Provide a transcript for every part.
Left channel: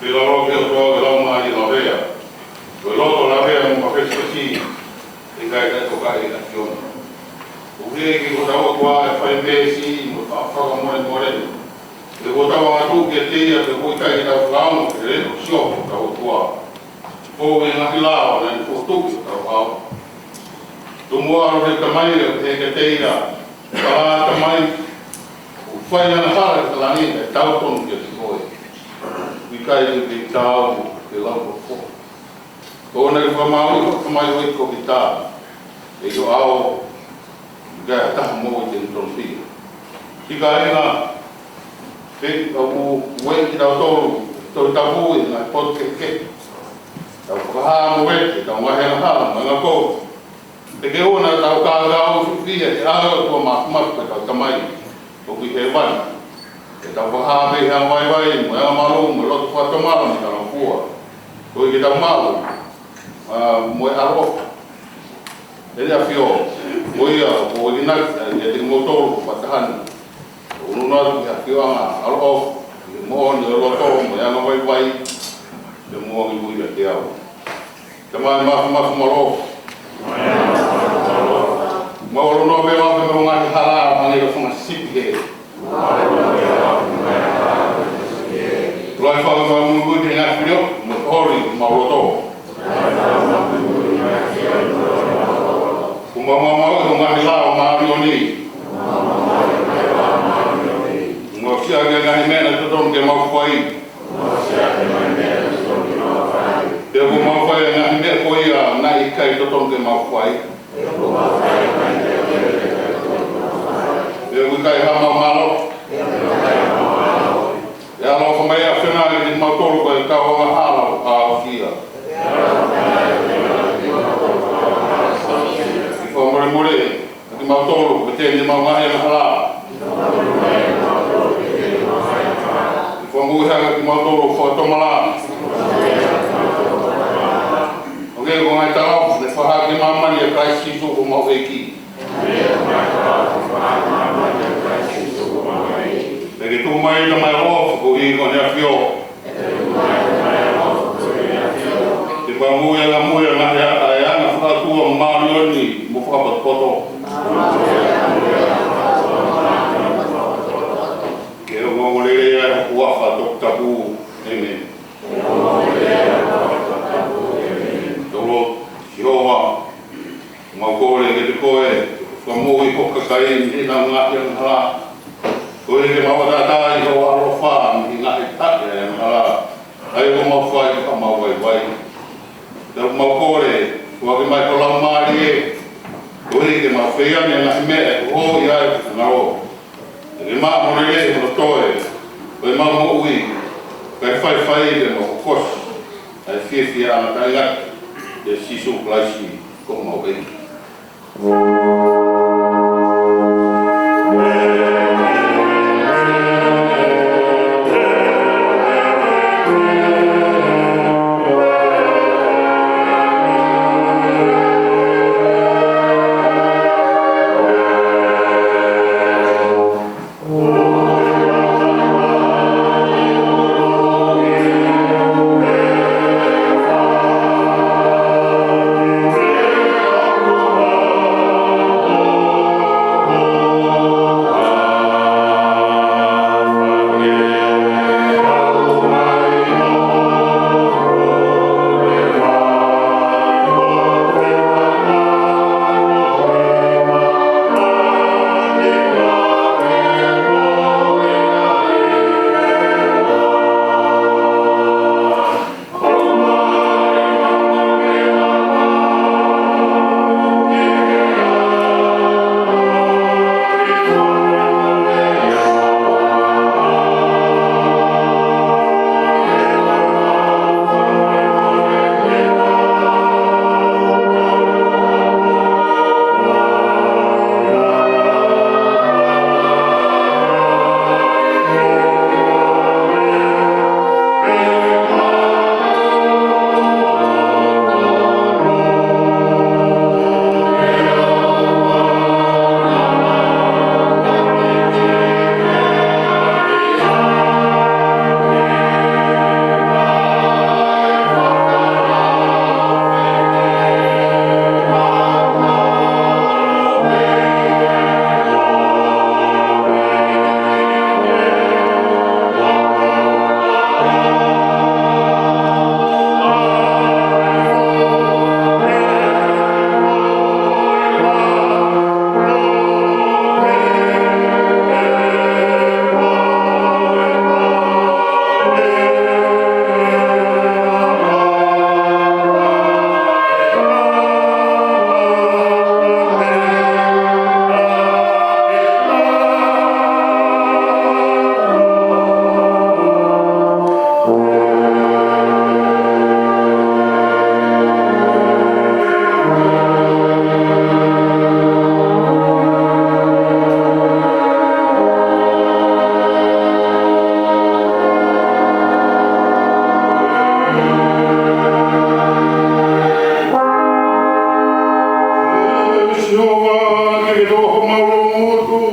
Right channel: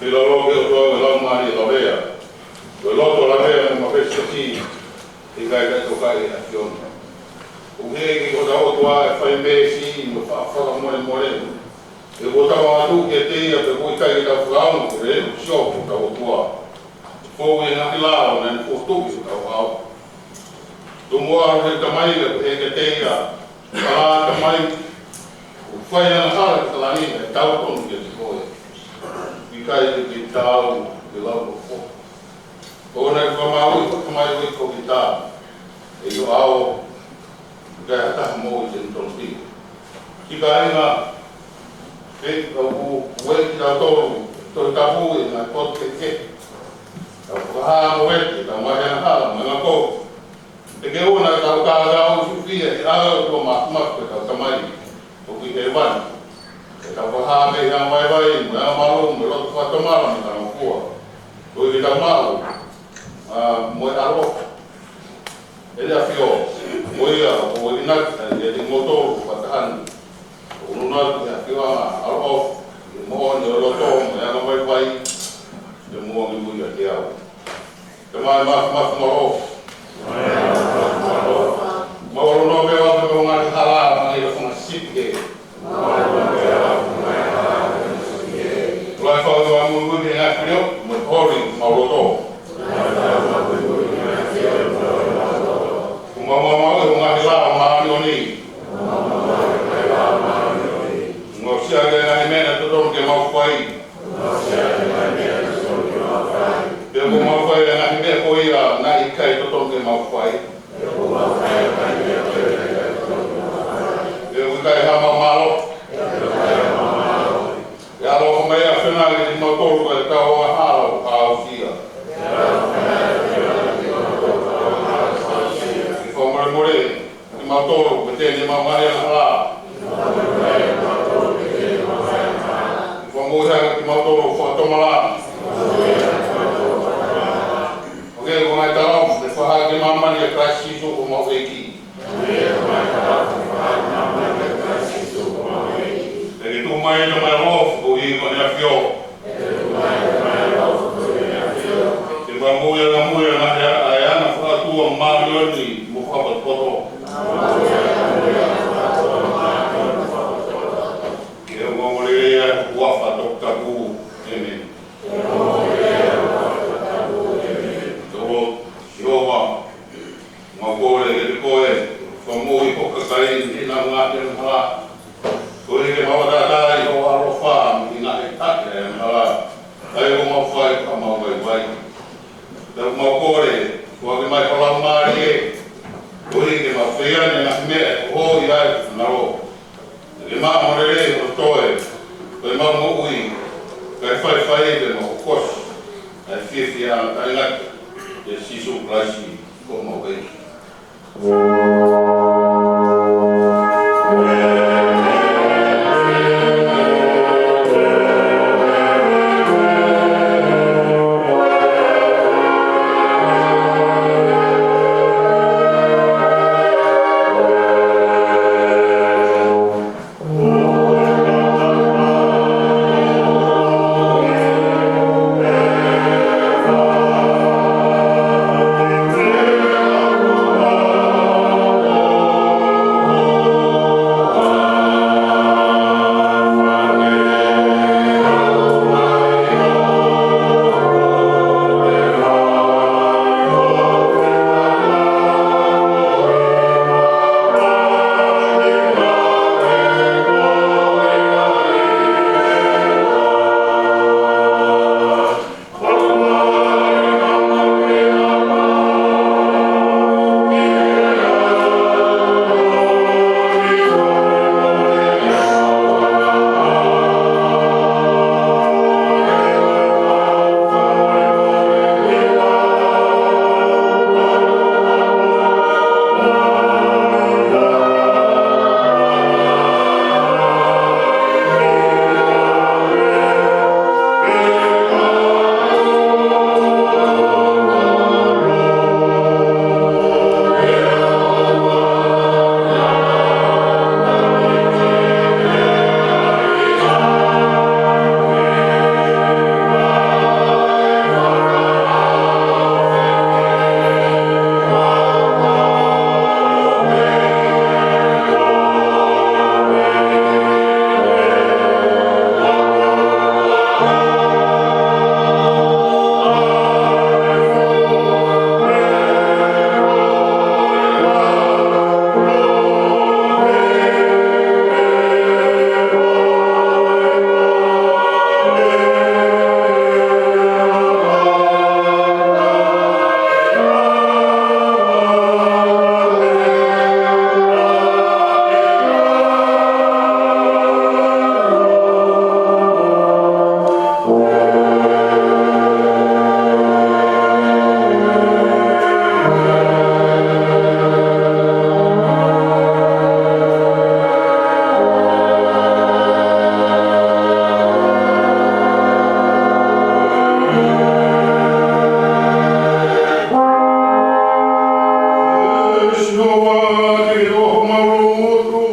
Pela roke o toa ke lau mai la vea. Ko loto la vea mo ka fesi i kai ka toka i na kiona. O ke ki ko tau tua e whai mesi mo whaka more more. E ko tau atu ke teia pe ko i kai tau whakao ke reno sio ko tau tua. Fou e ngaki lao na ni ko tuki tau hao. Tumu aro he tamai e ke teira. Kala tamai o whai ana hala ke talangina e tau tonu ke si koe. Wikai ke tau ke lau ko fo. Kona i whamau i whamai o iko ki tā. E yo ao gaya taha mō i te ntonsi. Tika inga pe au ue ki tau tolu tau tapu i ngā pot ke ke. Tau whaha mo wete, tau mahi ana hala, mga ko. Te ke ona tau kākau sufia e aho tua makumaku e tau tamai. O ki he wani. E tau whaha pe hea mai vai, mo ea maru, mo lotu whatamara mo tau kua. Ko i ki tau maru. Mo e aro. E rea whio. Mo ia o i naki e te ngotoro whatahani. O ununaru ki a whio anga aro. Mo ni o loto mo e anga vai vai. Te mua ki pui a te au. Te mai maku maro. Mo no me o me ngā hala mani o whunga sipi he. Lai whaka mungu te ngā whio, mo hori ma roto. Kuma mau e ngā hala o maami o ni. Mo kia ke ngā mena te tonu ke mau whai. Te ko mau whai ngā mea ko ia ngā i kai te tonu ke mau whai. Kai hama malo. E alo ka mai a whena ki te mautoro koe kau a halo a whia. Ki whamore more, ki mautoro, ki tēne maungahi ana hala. Ki whamuhanga ki mautoro whatomala. Ok, ko ngai tarau, ne whaha ke mamani a Christ Kisu ko mau eiki. E tu mai no mai rof ko i ko ne afio. Te ba muia na ya na fa tu o marioni mo fa ba poto. Ke o mo le ya ku fa dokta bu ene. Tolo yowa mo ko le ke ko e ko mo i ko ka kai ni na nga ya na. Ko i ke mawatata i o arofa mi ngā e tate e hala. Ai o mawhai ka mawai wai. Te o mawkore, kua ke mai kola maari e. Ko i ke mawhiane ngā mea e ho i ai ngaro. Te ke maa morele o toe. Ko i maa mo ui. Kai whai e mo kos. Ai whiwhia ana tai ngati. Te sisu klaisi ko mawai. siova ke roho maulutu.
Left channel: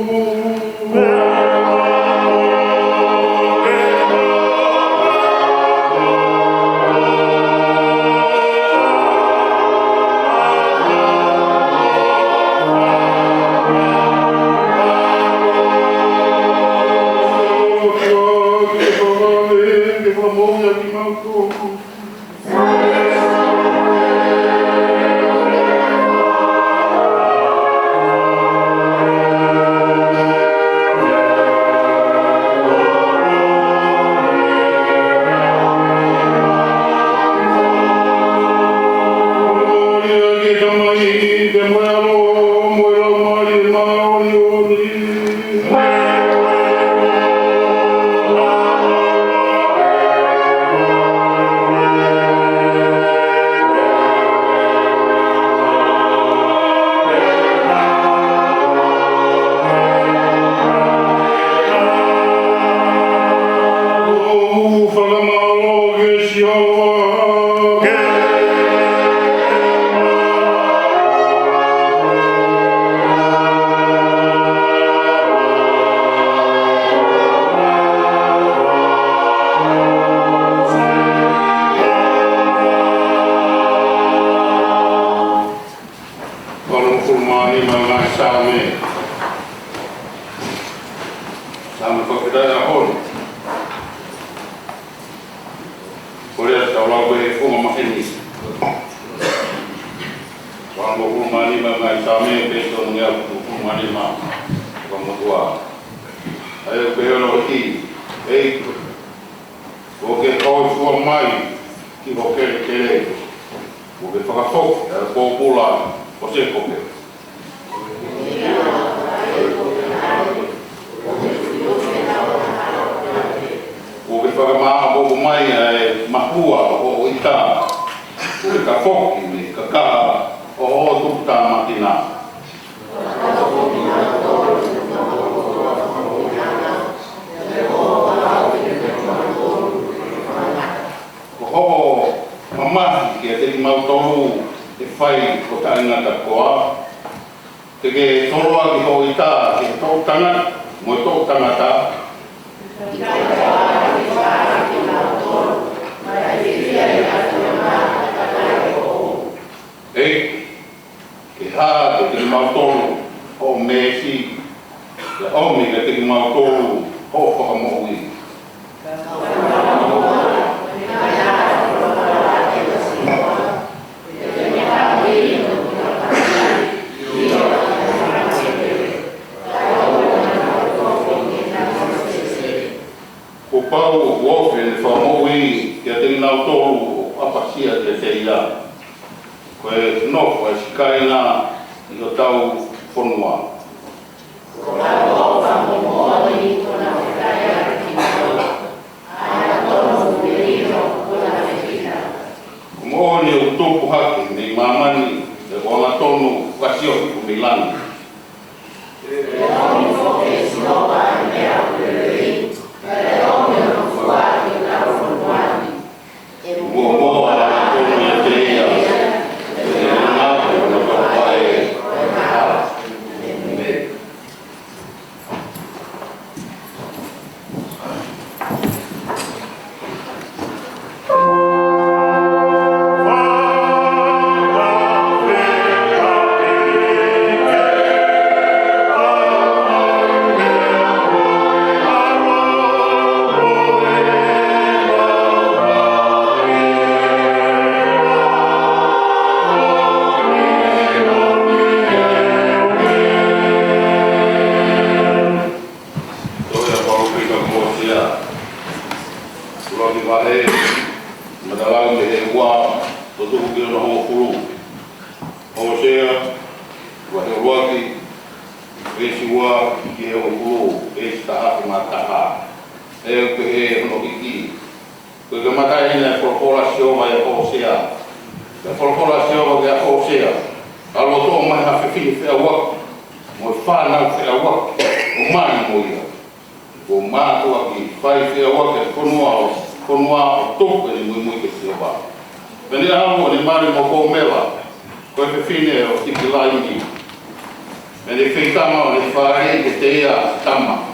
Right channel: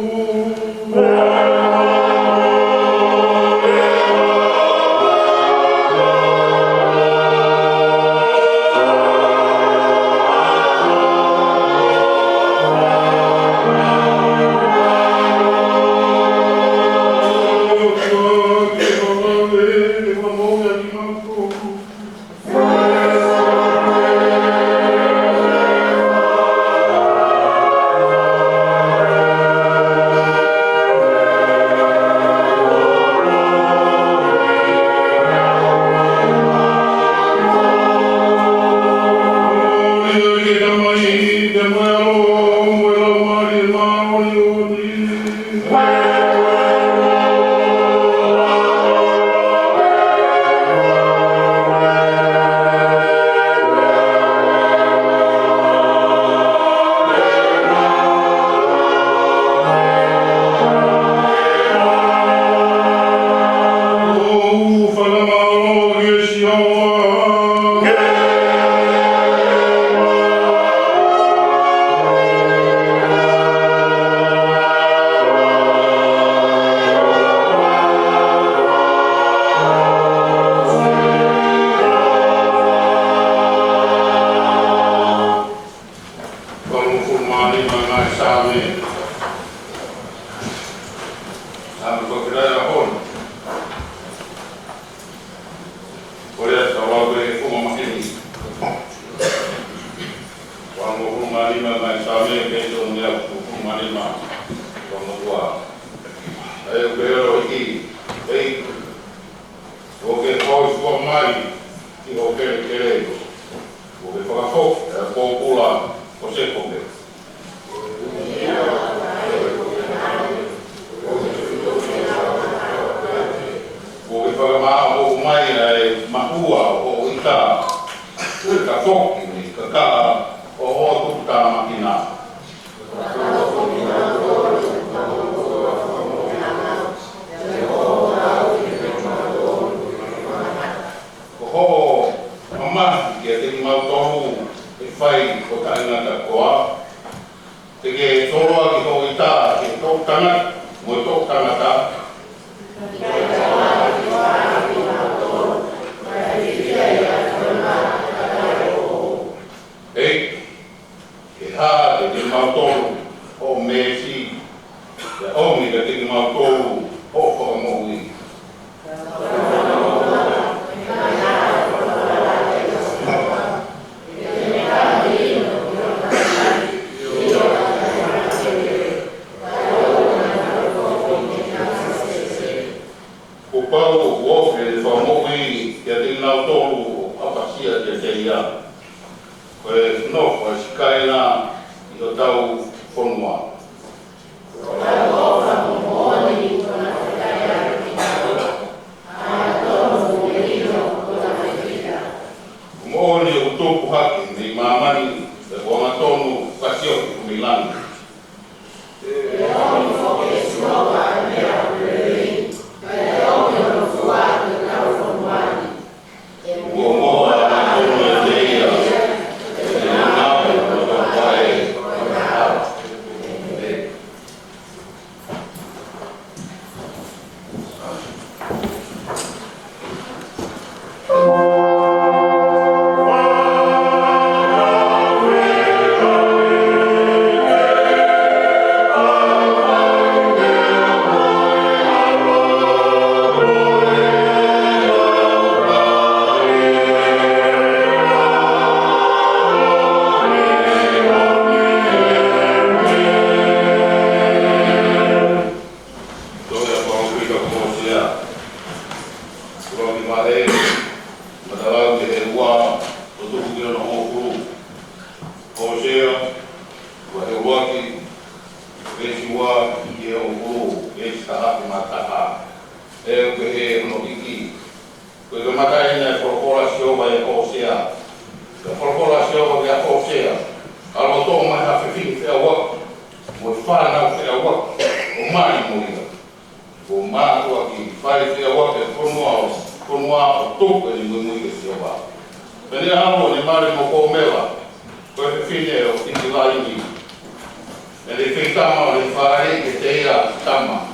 le feitama le whare ke te ia tama.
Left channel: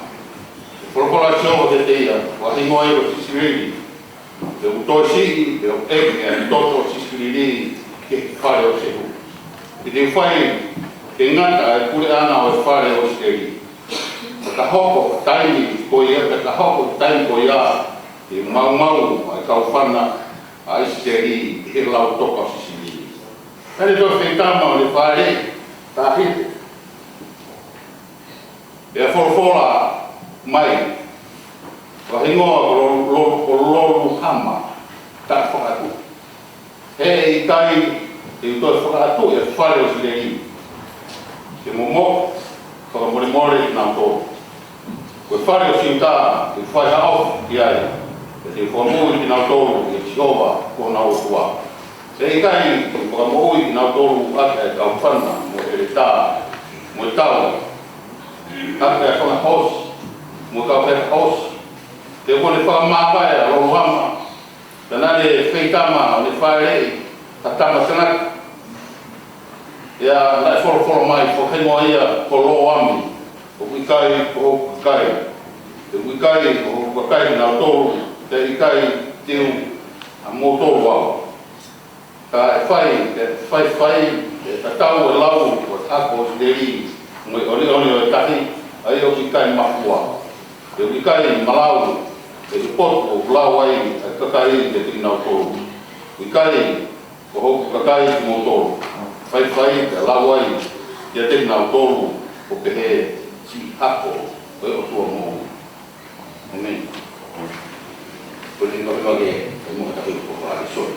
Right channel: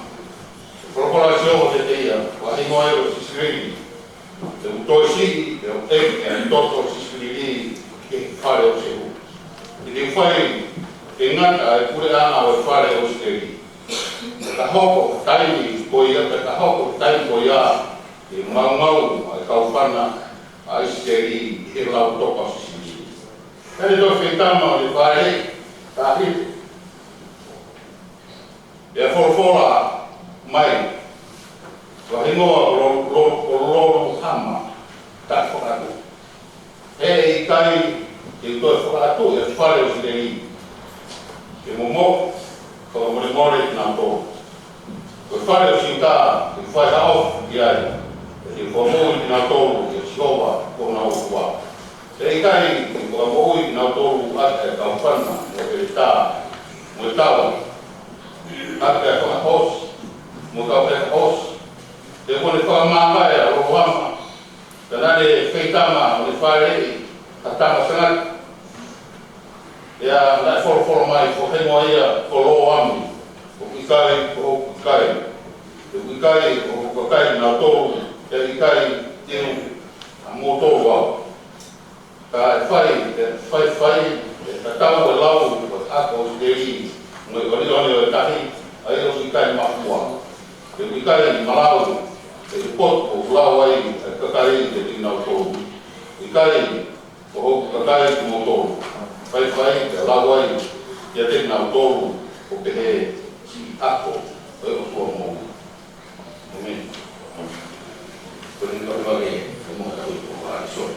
Prokolasio ke te ia, wahingo e o sisiriri. E utosi, e o teki, e toto sisiriri ke whare o sehu. E te whai, te ngata e kure ana o e whare o sisiriri. Ka hoko, taimi ko ia, ka hoko, taimi ko ia, e mau, e kau whana, a sisiriri, he lau toka sisiriri. Kare do feitama o le whare, ta hite. E a forfola mai, wahingoa o lolo hama, ta whakatu. He i kai, e utoi whakatu, e whare o sireri. Ke momo, whakamore nā tō. Koe whare o siuta, e whai hao ki ai, e te whamui ki nā tōru, e siova ko nā otua. E i kai, e whakamui ki nā tōru, ate e kaupana, mo e tā, mo e tau. Ate e whanga hosi, mo ka pēr hosi. Te kone whakamākai a roro hama. Tēnā le whaitama o le whaerei, ka tama tēnaka. Ia, nai whoro mai, whakengoa ia, ko loo ami. O wikai, o wikai. Te wikai, o wikai nā tōru, te wikai teu a mō tōru au. Ka e whai, e tatau e lau, o tako o sideri. Ngoi oni o e tahi, ai o wikai mafua. Te wikai ni malau, e te poto o lau ai, e kakai te tinau tōru. Wikai, ko hoku kakai ki mō tōru. Whai, te lau ai, te tinau tōru, o pehe, si hako, e o tua mō. Amen. Koe ni kawe wake, e mō tahi ko ai so.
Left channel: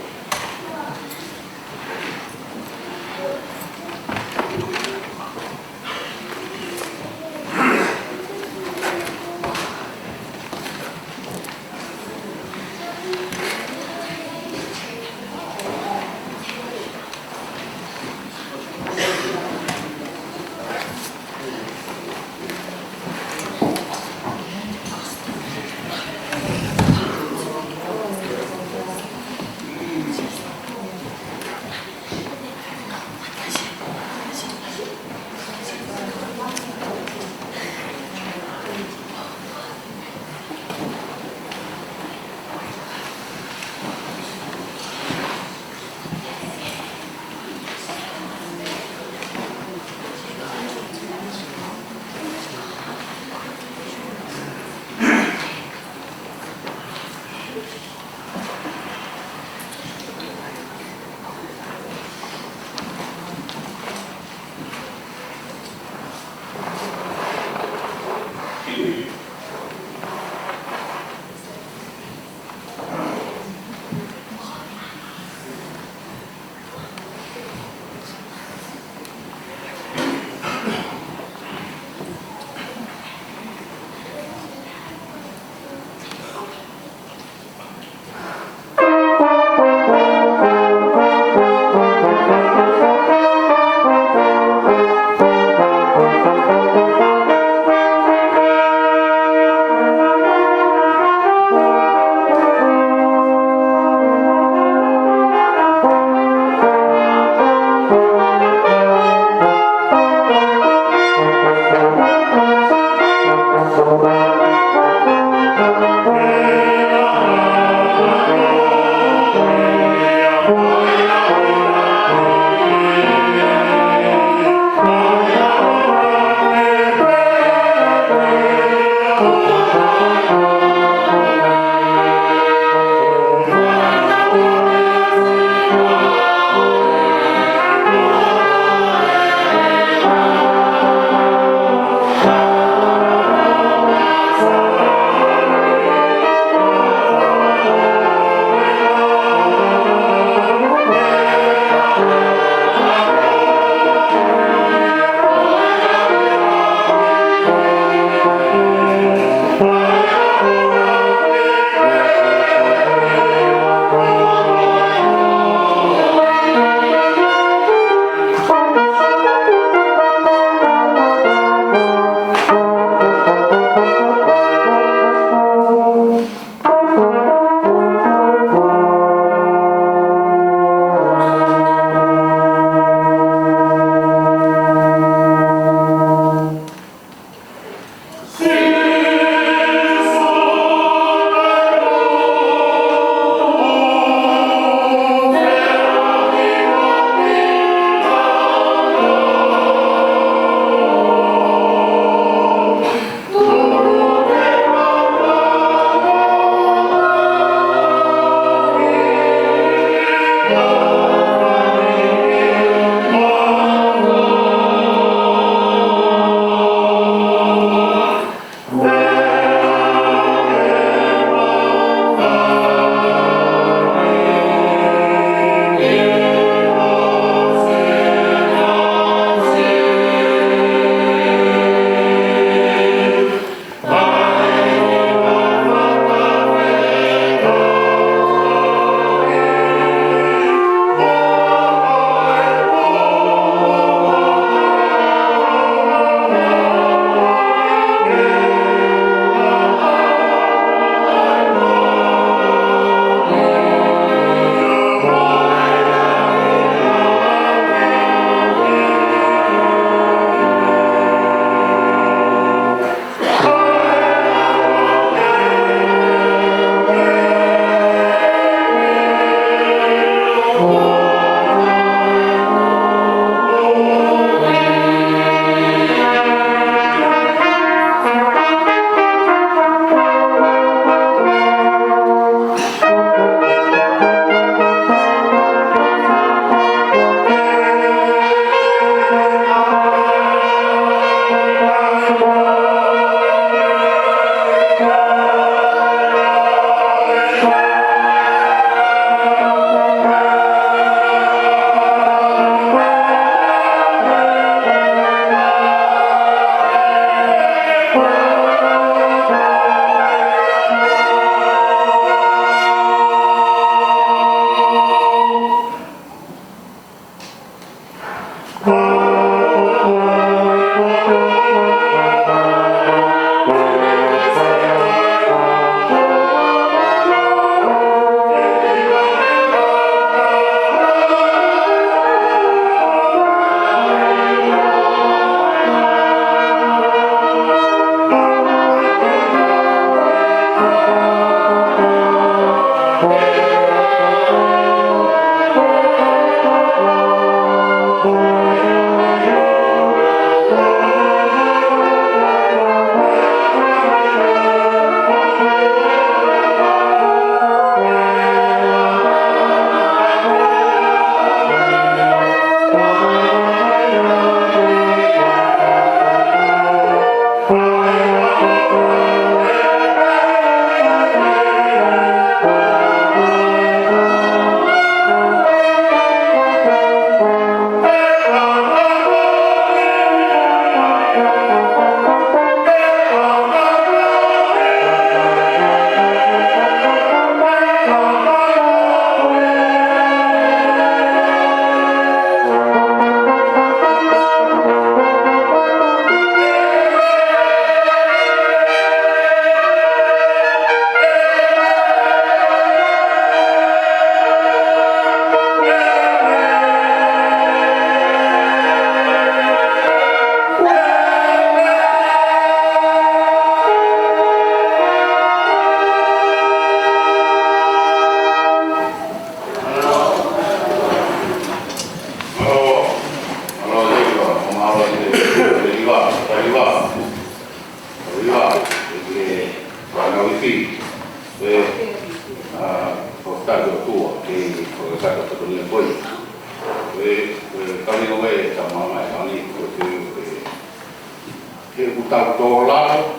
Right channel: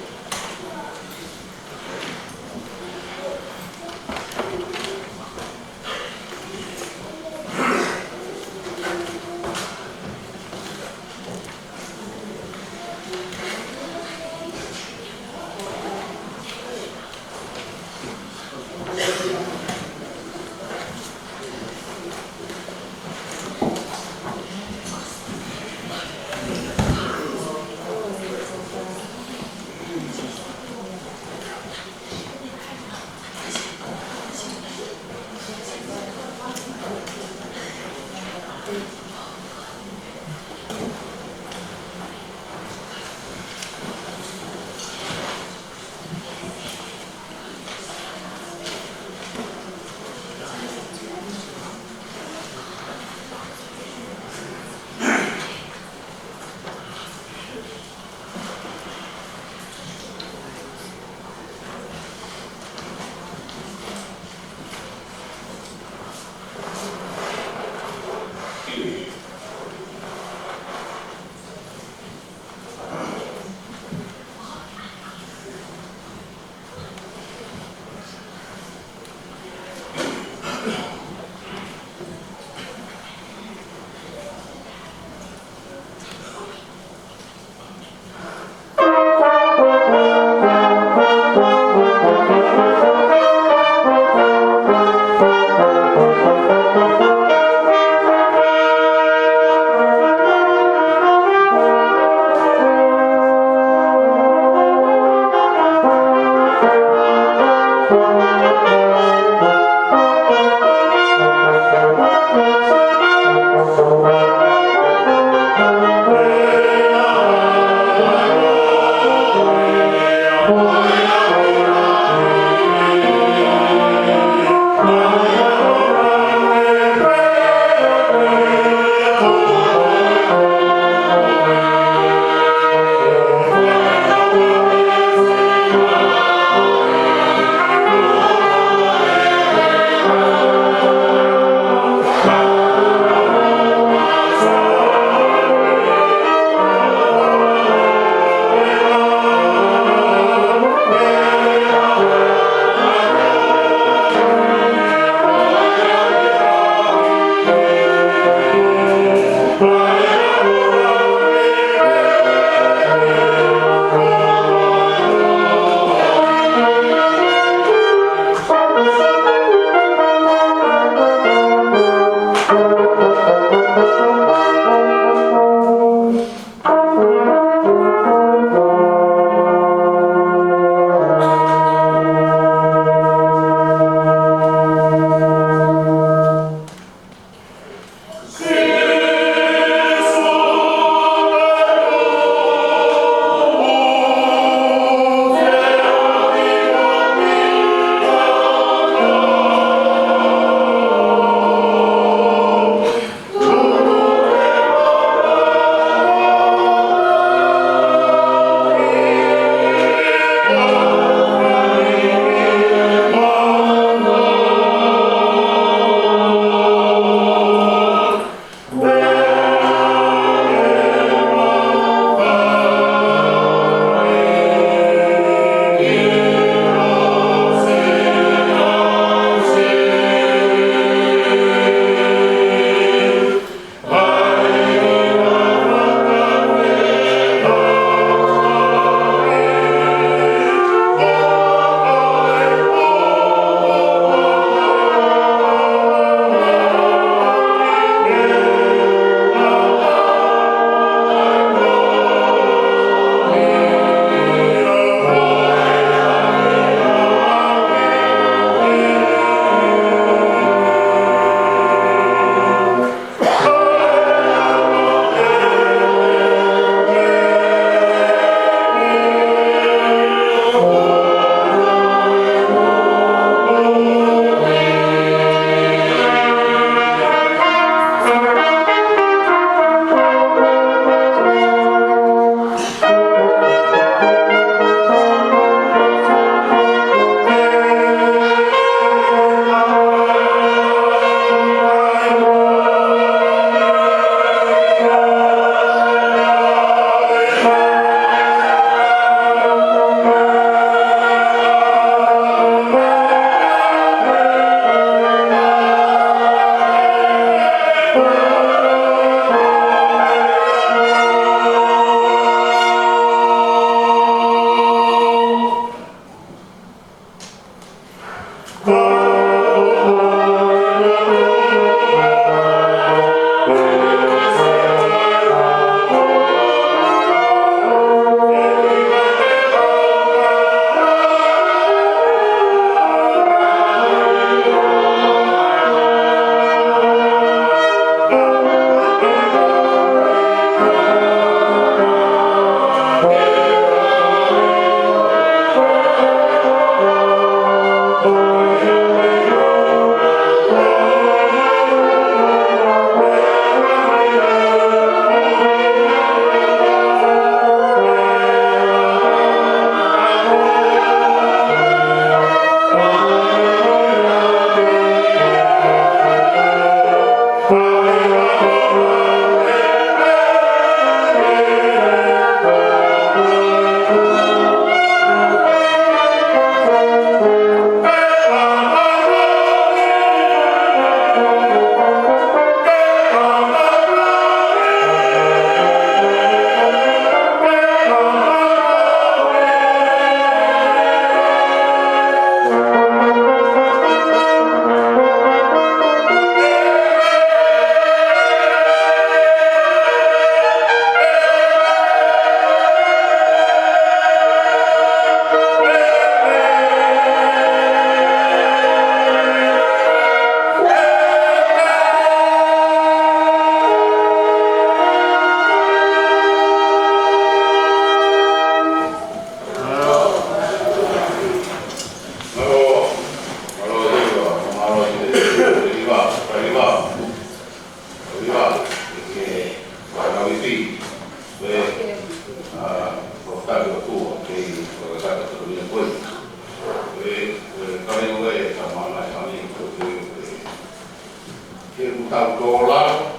ke utau tō lao,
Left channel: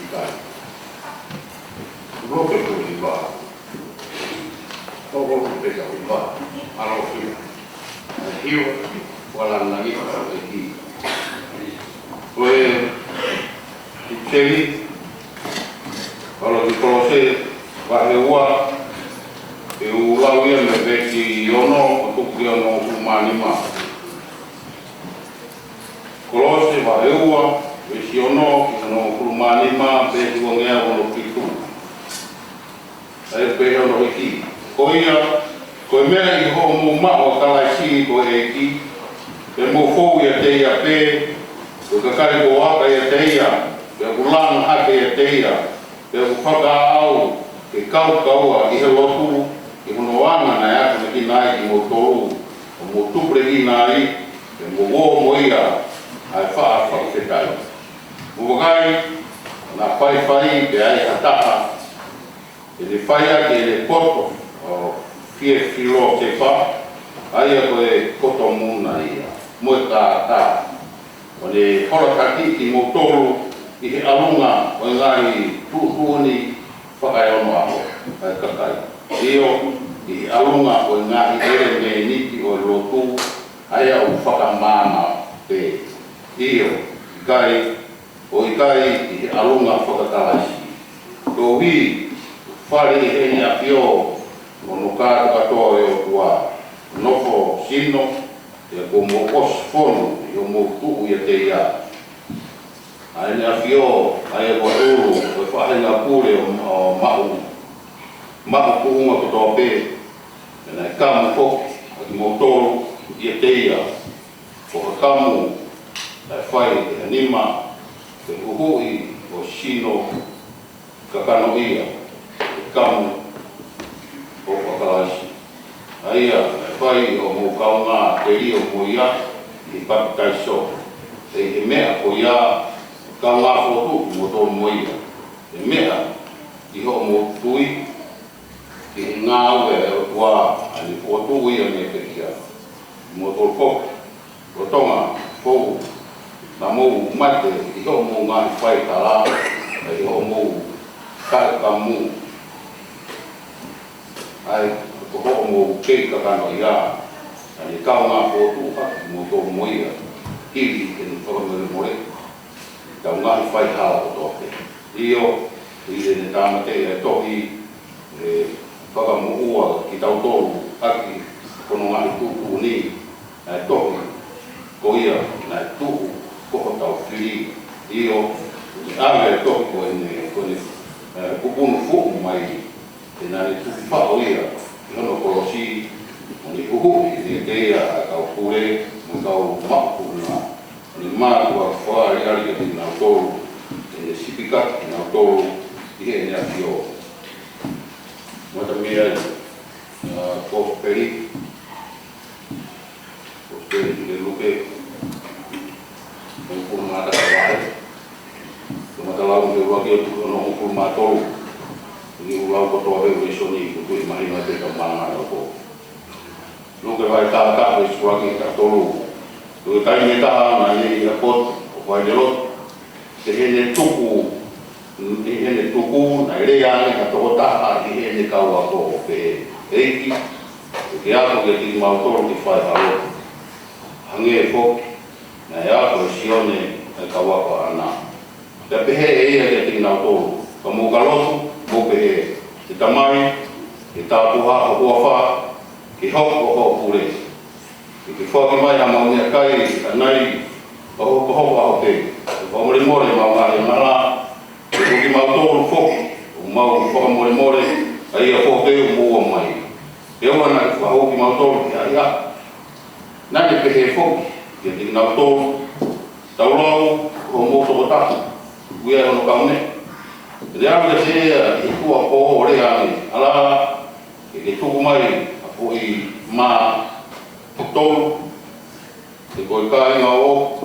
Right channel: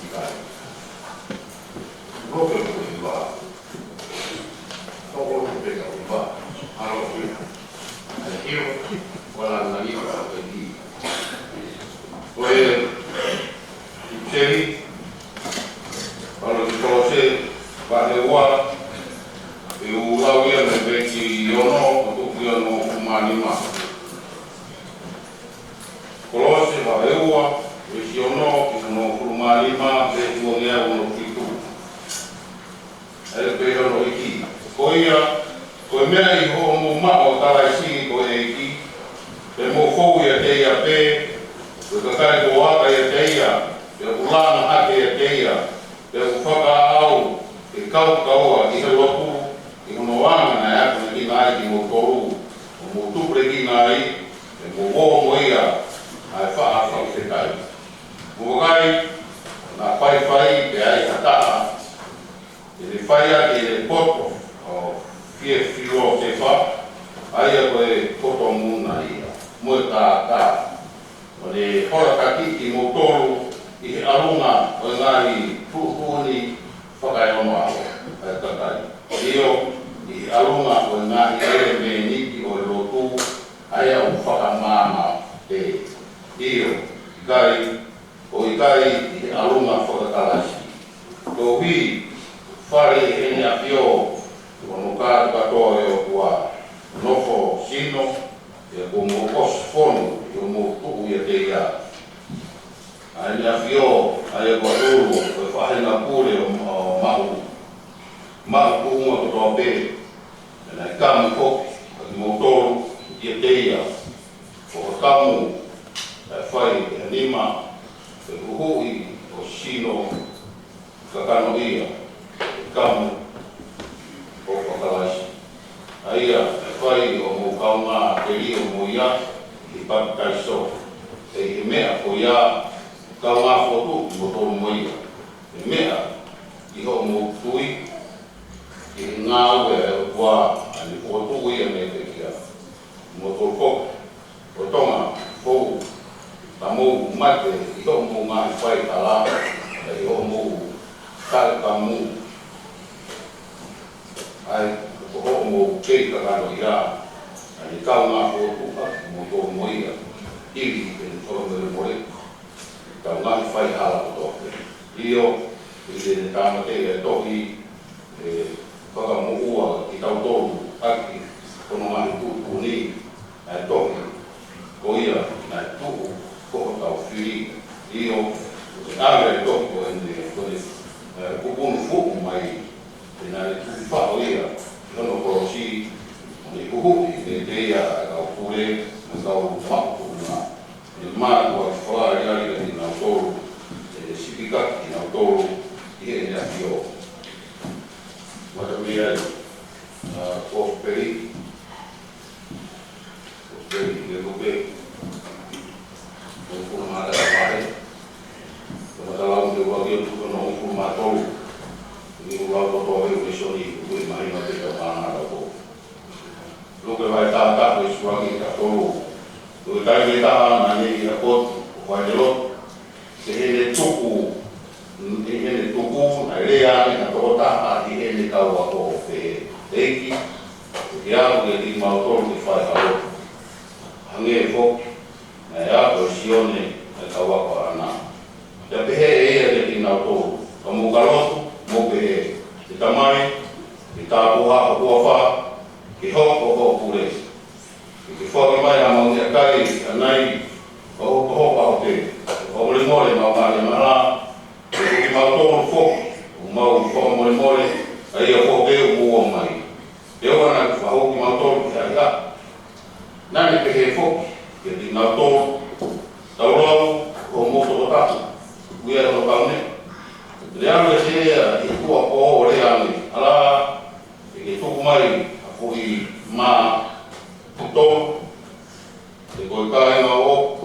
i kai. Roke tu i wā. Koko tu peka i wā. Aro kia. Hio, wala nangi kau e ki. Koe, i teri, kalo ki kolose, wahe ua, e ulau ia me peki i ono, o tuki ono o kumanima. Kolose wahe ua, e si ono, i ono o kumanima, peki o ngea ono kitu. E pe ono i ki. Ko ia, koe mea i ho mo mao talaisi ko e ki, te mo fou ia te ia pe, koe kakai ko haka ia te ia, te ulanga hake ia te ia, te whaka au, ke kau kaua i he lotu, i hono anga na ea ki nai ki mo toru, o mo tupre ki nai, te mo wo mo ia, ai wha te kai. Mo wakai, na whai te ai ataa, te le whai a te le poto, o fie filo te wha, aia koe koto muna ia, mo e tā. O le hora kakiti mo tolu, i he alunga o ngāi tuhuoni whakaiono aho, ai kakai. Io, i he alunga o ngāi ere me niti o lotu, aia o whakamama te. Io, i kai i he alunga whakakalasi. Ko hui, whare e ni a pio, o no kātu katoa e o kua nofo sino, e ko mo osfonu, i o mo tuhu i a te ia. Ai ni a fio, ai e ko turu, o e whahe ngā pure o mahu tuhunga katoa pe, e nai kamu koki, a ki mo toru i a te ia. O ka kamu, e whai e nima, e kuhui o sino, ka kano ia, e kamu, o whakalaisi. Aia, whai o mō kaunga te rio mō ia, i pakai so. E he mea ko ia, kaunga whotu mō tō mō ia. E mea, i ho mō tui, i he ngā ue e o tua, ani whotu ia me te kia. Mō tō kok, o tonga, fōu, na mō mate, i ho mō ngā whai tala, e ho mō kai ka mū. Ai, ko ho mo ke ka kano ia, ani kaunga whotu haki mo tō mō ia, iri e ni tō more, kaunga i whai hala ko tōte. Io, i ne tāmate e tohi, whakamuhua ki tau tōru aki, kono ngāhi tūku ni, ai tohi, ko ia, nai tūku, koho tau whiri. Io, ni ave e tohi ko ne kupunu fuku mai, te nani tuki whao ia, i hono korosi, o ni huhui, e te ia a kau pure, mo kau makupuna. O ni mātua whaa i ari ati nā tōru, e sipikaki nā tōru, i he nea ki o. Mata mea, kōperi, le lupe, o kuru māta ka wahe, o mata lau me waki o tuku no kuru mātoru, ni ulau kotoa weu e soni, kutu i mahina te ka mana ka ko. Luke vai tātā e suaki ka toru. Luke kai ne taha na ne i a pot, o vai le lot, se hene tuku, na rea ne ka toko taha i hene kaua ko pe eiki, e ke ako ke tiki mautoru ki whai alo. Hange e foki, na e ako e sione e kaua ko ana. Te pehe e ia ke tiki mautoru, ka mukalosu, mope e te tamai, ke tāpuha o huawha, ke hoko o pure. Ke whaki mai na mauni a kai, a nai, o hoko o te. O more maungari mara, ke kuki mautoru whoki, o mau more, a ia whoke o mua mai. E oana ki whahoki mautoru ki aria. Nani pehe whoki, ke te mautoru, taulau, o moto o tatu, uia ono kaune. Rea ka se i kua koho o rea ni, ala e ke tuku mai a pui mā putoru, e koe kai ngā o,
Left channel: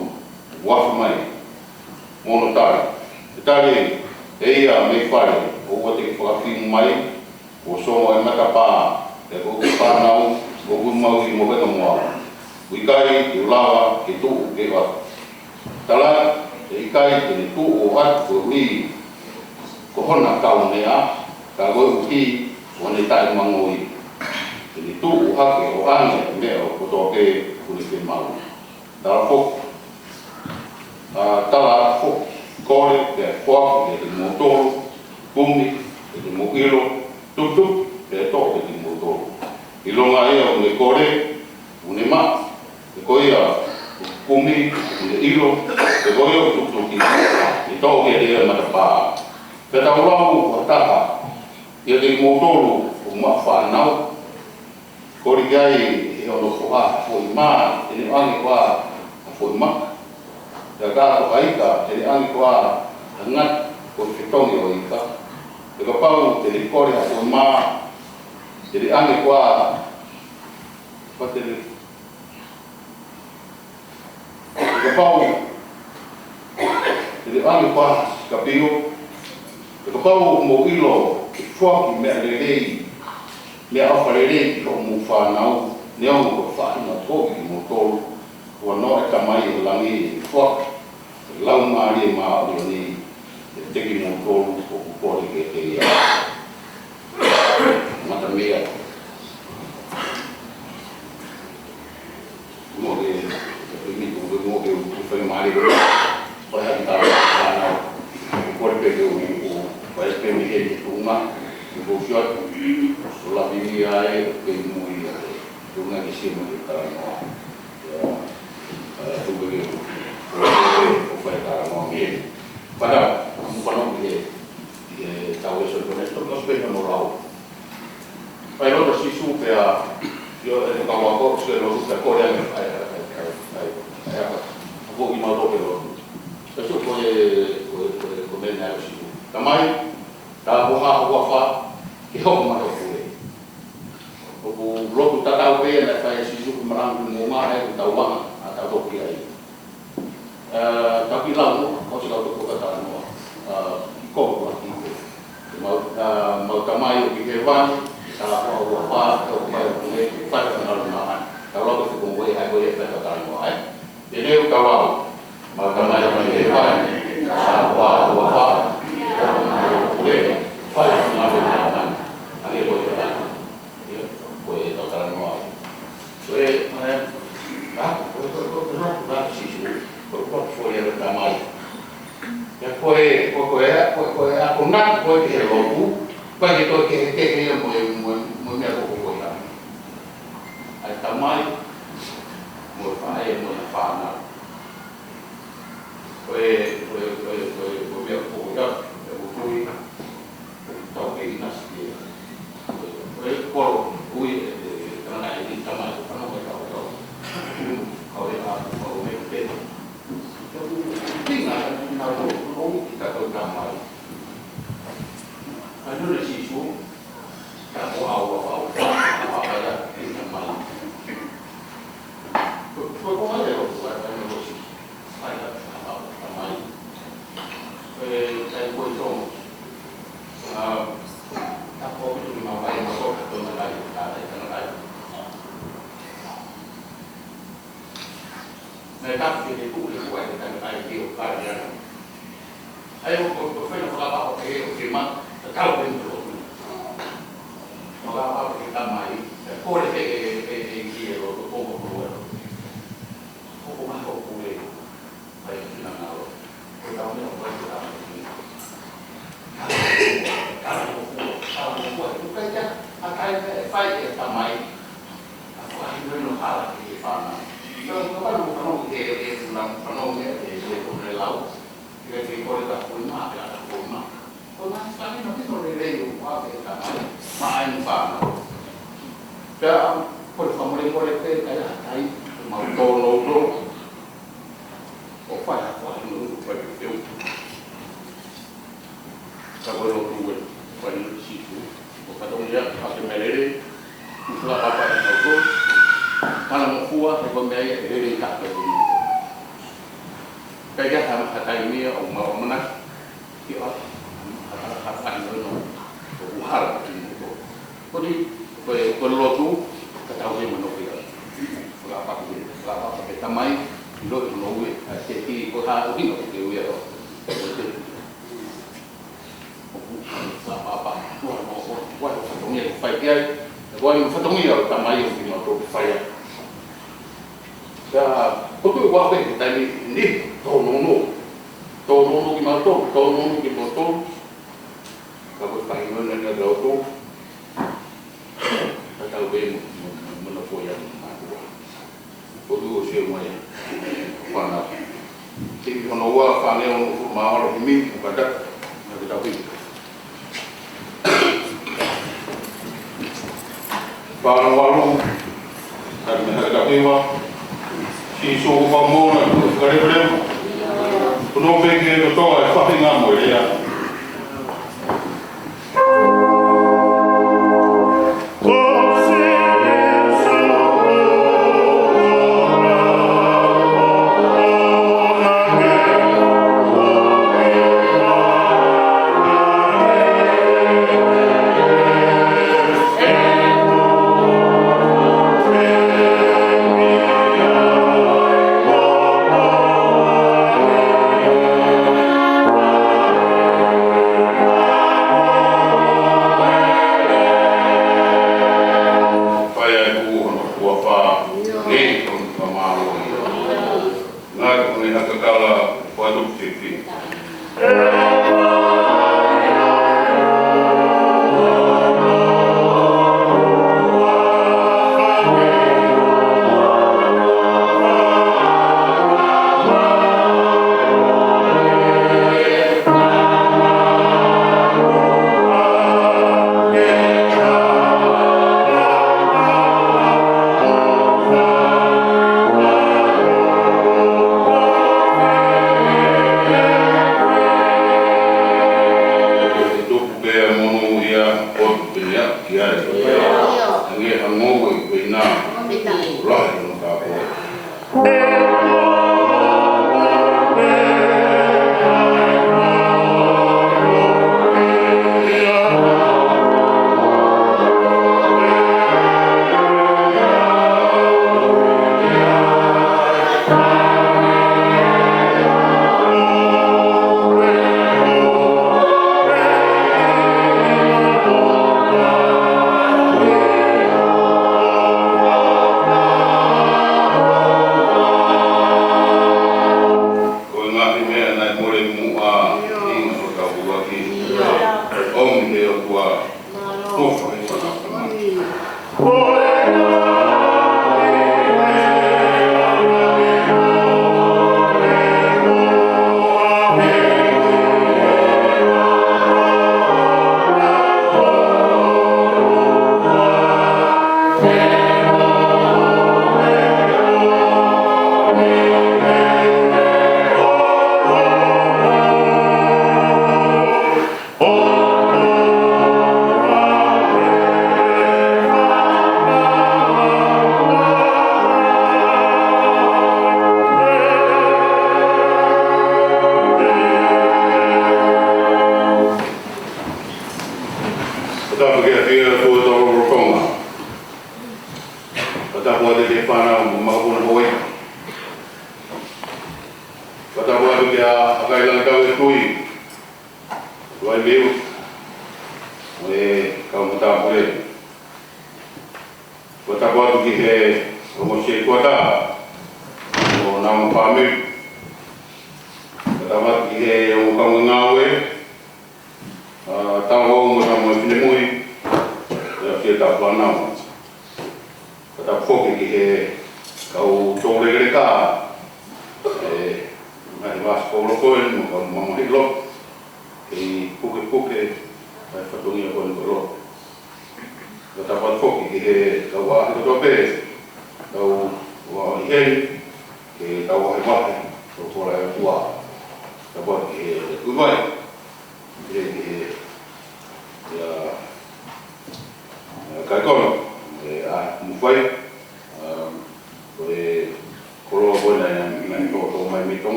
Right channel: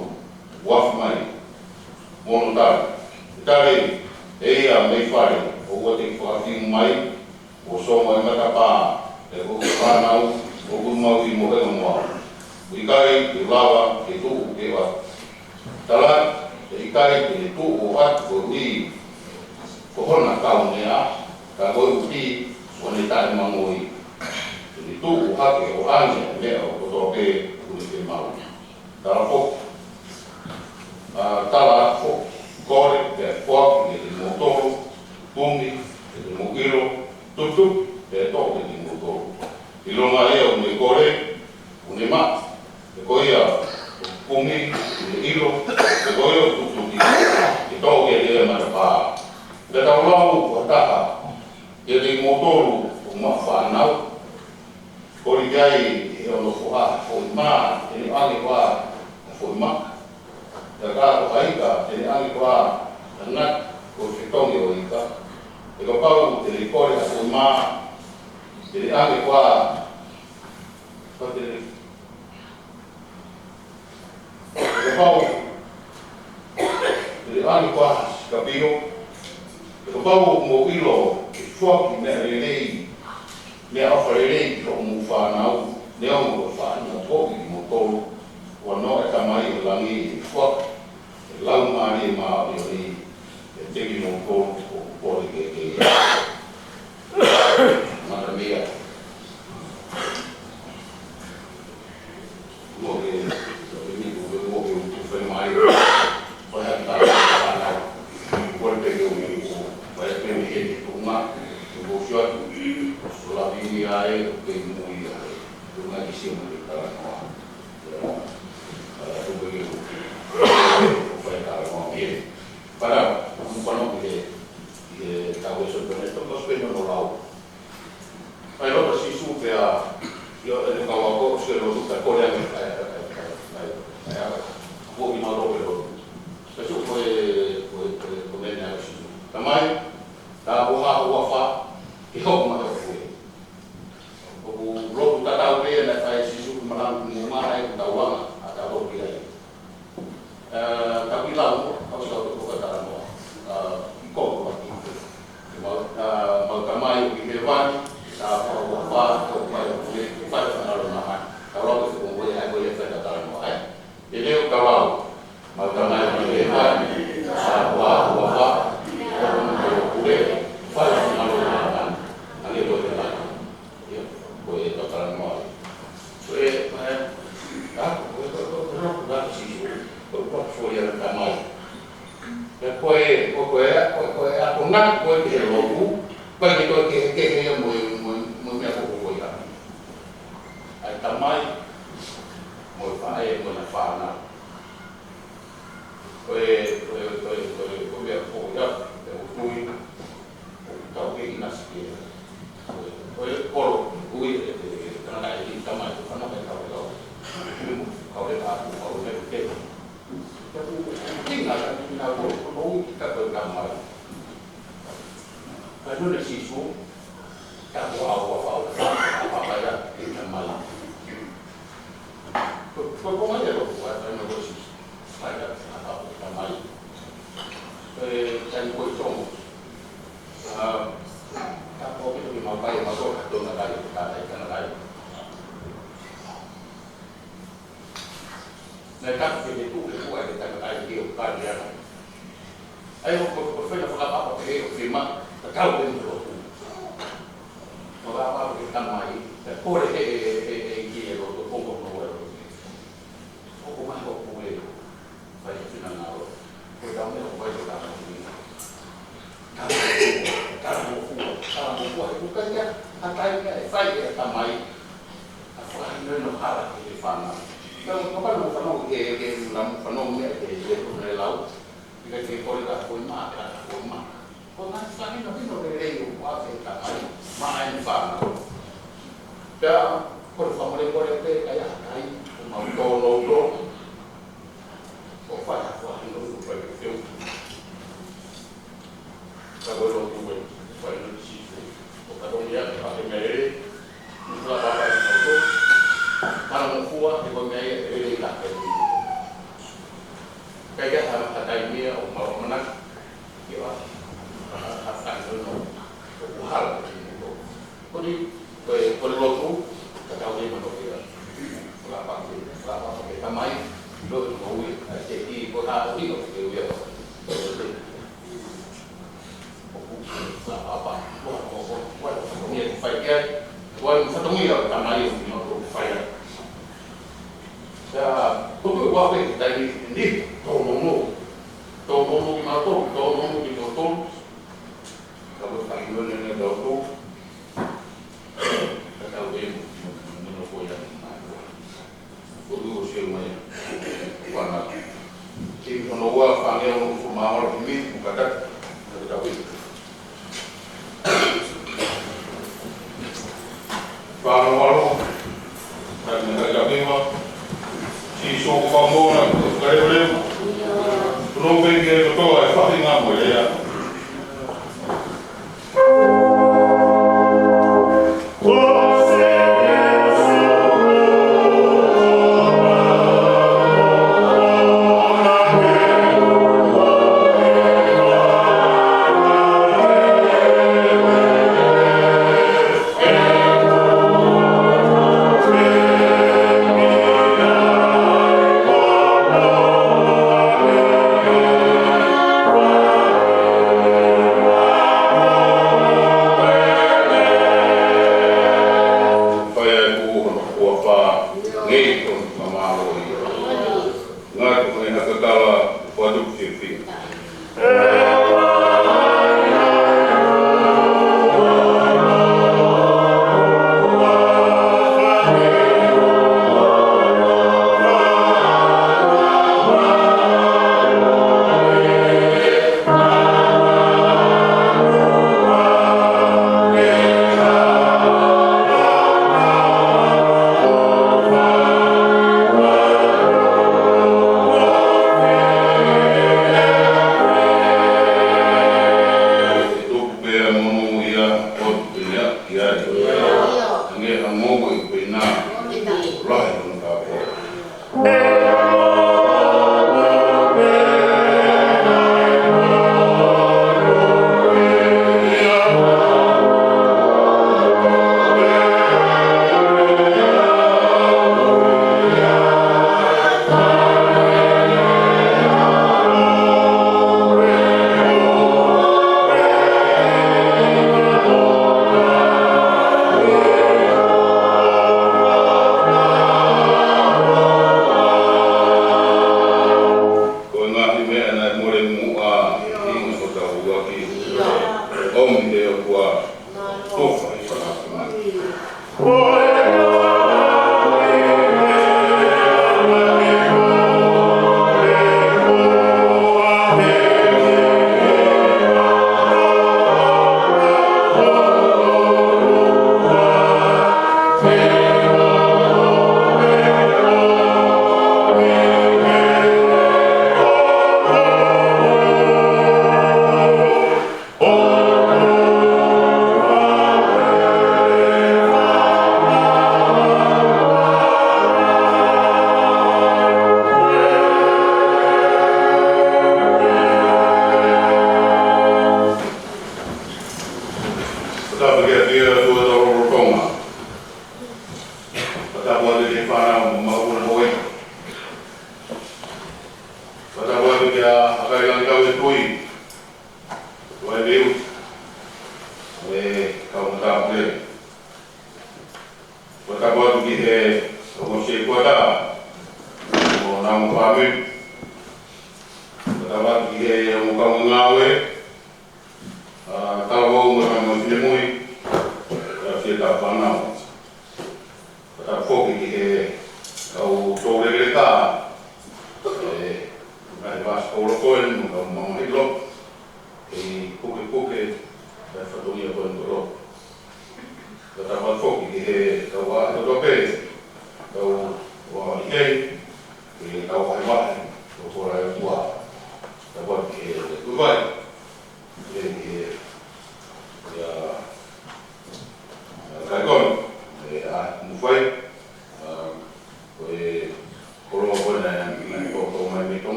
wafu mai, mono tari. E tari e ia mei whare, o ua te whakawhimu mai, o songo e matapā, e koe whanau, o mau i mo venga moa. Ui kai, i lawa, ke tuku, ke wafu. Tala, kai te tu o at ko ni ko hona tau nea ka go uti o ne tai mangoi te tu o ha ke o ane me o ko to ke ku ni mau ta ko tala ko kore te ko ke motor pumi te mokilo tutu te to ke motor ilonga ia o le kore une ma te koia pumi le ilo te koia tutu ki i to ke ia na pa te ta lau o ta ia le motor o ma fa nau kore gai e o ko ha ko ma te ni ani kwa ko ma ya ga o haika te ni ani kwa ngat ko te tongi o ika te ka pau te ni kore ko ma te ni ani kwa te pau te ani kwa ka pio te pau mo ilo ke fuaki me le lei me a fare lei ko mo fa nau ne o ko fa na to ki mo to o no e ka mai langi fuaki lau mari ma o ni te ki mo to ko ko ke te ia mata mea mo ke te mi ko mo ke tu fai mari o ha ta na ko pe ke o pa pe mi ke tu ma ko fiot so la vi ai ke mo ia tu na ke si mo ke ta no ya tu ke o fai ta no mi para un pano que tau eso con esto nos vemos no lao pai lo si supe a yo el trabajo se lo gusta con el un poco más doble eso fue comer nada si tamai ta boha fa que ho ma ho fue o lo tu ta pe na fa si su marang mo ma ai ta wa ta to ki ai tapi lau ko se ko ko ta no ko ko ki mau tamai ki ke van ta o fa o pa o le fa na ro ma ta ro ko ko we ai we fa ta no ai ele ka lau mau tamai ki ke van ta wa o fa o ma o le fa na ro ma ale ko te la ko e ta no ai we ma ko si ko foi era tamai e foi a punat foi que logo para que to que mo me ko ko ya ai tamai mo fa na foi me ko ya o tui ta que nas que foi por ui na na tamai ko no ko ka ahora o me que tinha na no ka ko na mai ka no le si su ka wa pa ya na mai ko ma le ro pa no lo si pa ya na mai sai ko to ta ko ni ma pa ma ko to na dai ta na dai na ta fi de tu le ko ai ta ai ke o ka ya ai o fe na fa pa ke o ke ma ta ka o den do no ga pa ke ta mai ko le ke o ko ma ko le ai na na o ko da me o vai ta ka ka ya atai fai ta mai fa no hala ke fa na no para no que no que con el lado y que por la forma con la family no le lei un po' che sta ma in fa ya por favor en por que calla ahí ma no o fa no perfección ka lo tuwe cuando si tu o para un día a que me le la papa no kalau mau kuah kalau gaya ini tak begitu. Kayak kata ini mau menang, kita akan menang. Buhar begini. Jadi kalau tu kita tahu dia menang dia. Kelapa pakai tamai, lo menang. Jadi kita ini dia to. Apa fatongia ko fai kia. Ko fatongia ta mai o no to fai. Sa to ko wa be ta ni to no. To no ki ma to no ki mo to. Ka ko fai no na do to. Ta ta be mo no fo ya na ko. Ko du o se mo ya. Pana. Ti ono wa fa ne o ma wa ro mi ko ka ta pi. Para waru ta pi wa si so ko mo na ko ka re re. Ko no be ke ko to ai fa nga mo ya.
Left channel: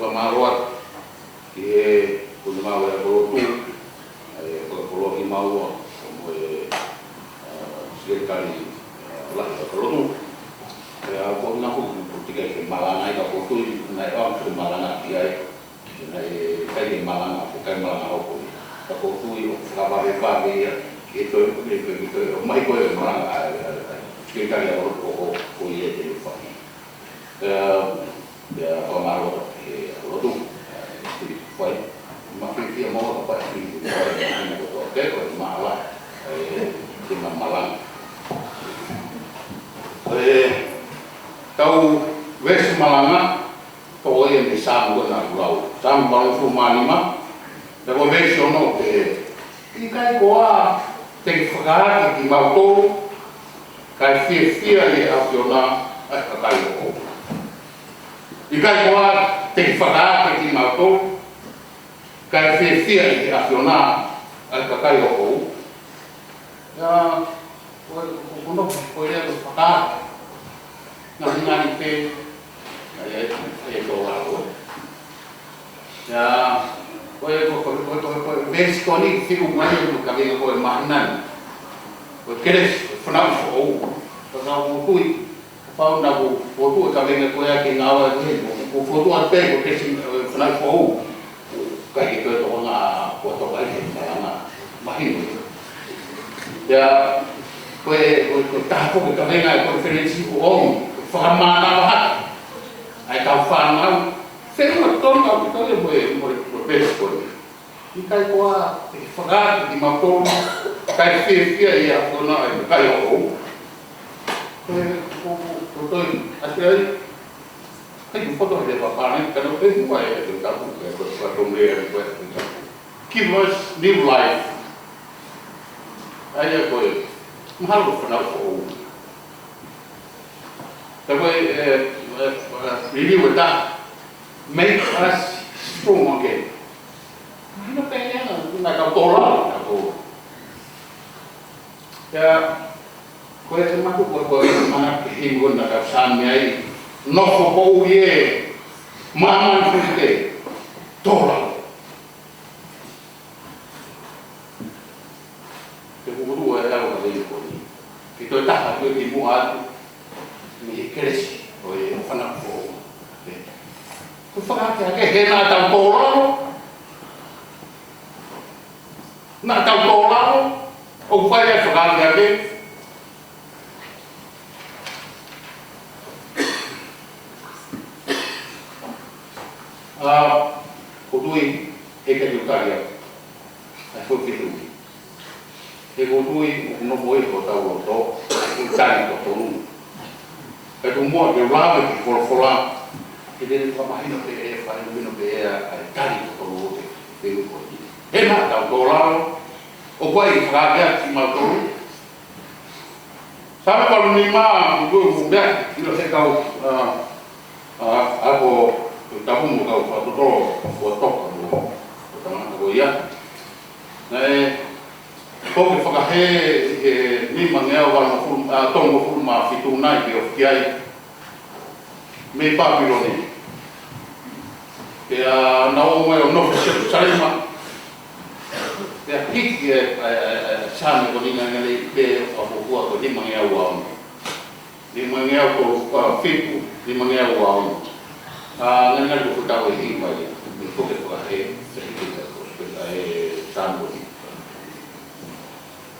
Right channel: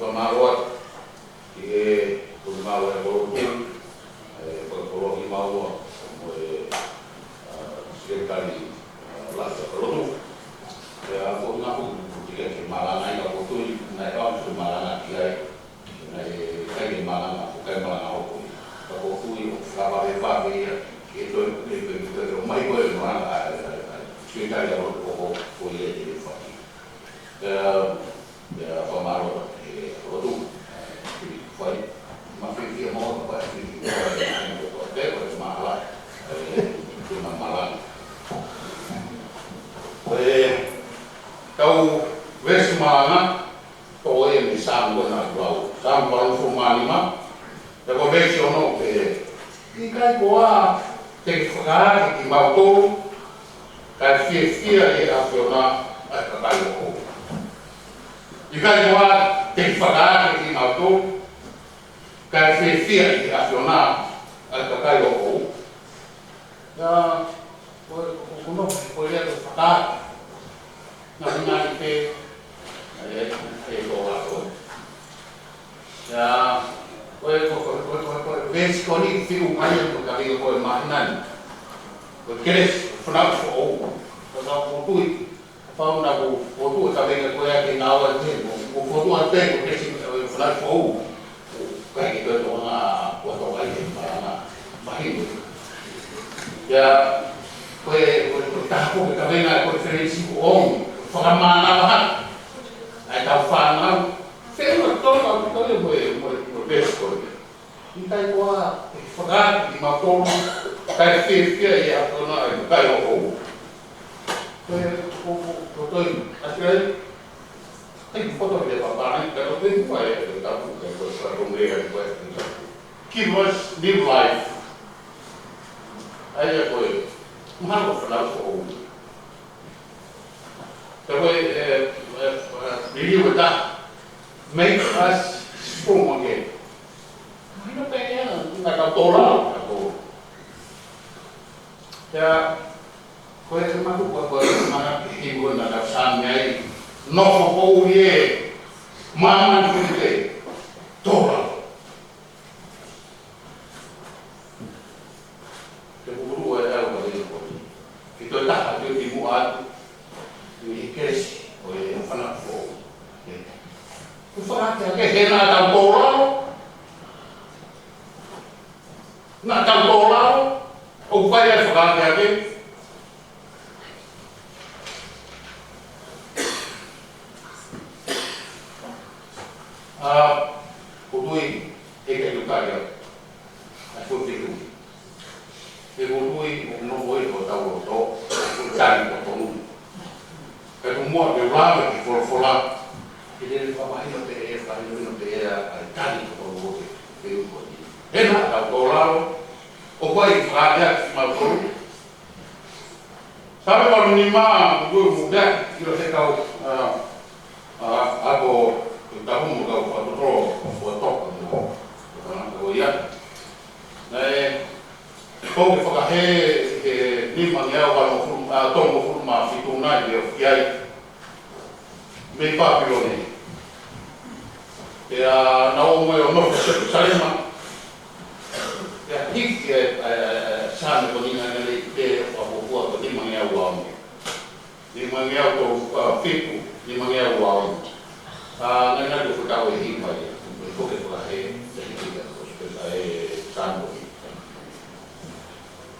whamaroa ki e kumau e kolotu, ko kolohi maua, mo e sekretari lahi e kolotu. E a ko nga hu, ko tika ke malanga i ka kotui, nai amsu malanga ki ai, nai kai ke malanga, ko kai malanga hoko. Ka kotui, o whakaware whawe ia, e toi, o mai koe e malanga, sekretari a kolotu, ko i e te whawe. Ya pamalo rotu foi uma fria moda para frio o até o mala que mamala tau ves malanga ko e me sabu na glau sabu glau fumanima da ko ves ono e kai ko a te fraga ki mauto kai fia e afiona a kai ko I kai koa te whaka ki mātou, kai whiwhia i te awhiona ai ka kai o kou. Ia, koe rea te whaka, ngā hinga i te, e tō rako. Ia, koe vesi koe ni whiu mai o tu ka ringa koe mahinan. Koe keres, whanau so ou, whanau o tui. Pau na ko tu ka venga ko ya ke na wa ke ko tu a te ko ke sin fana ko ka ke to na ko to ai ke na mai ya ko ta ko ka venga conference ko on fa ma na ha ai ta fa na se no to na ko le mo pe ko ni kai ko a fa ga di ma ko kai ke ya ko na kai ko tôi anh thấy foto dia bapa ni kalau tu buat itu tak buat buat rumah buat give us new life aja koi mahal pernah kau tapi review itu make us strong again mana pengen nak kau tolak kau ya koe e maku koe mana hingun na ka sami ai no ko ye mama fite tola te buru e au ka ko ki to ta ha ki mu a ni kresi koe fana fo ku faka ke hena ta tola na ta tola o fai e faka ke ko tui e ka yukaria a ko te tui e ko tui no voi ko tau roto ko tani ko tonu ka tu mo te wama ki forfola e te ni whamahino te e whanino te e a tani ko tonu te uko ti e na tau tōlano o koe i whakarea ki mautonu sabe ko ni ma ngu fumea i lo he kau ako tapu mo kau patotoro o toka mo o tamanga ko ia nei ko ke whakahe ni mangea wano tongo furuma fitu nai ke ofiai me Papiloni ke a nao mai o nofu Jerusalema ke a hiki sami ko ninga ngai ke a pokua ko ni mangea wano ni mangea ko fitu ni mangea wano nana ko tau e hima i ko ke whakahe se hiki ko sambo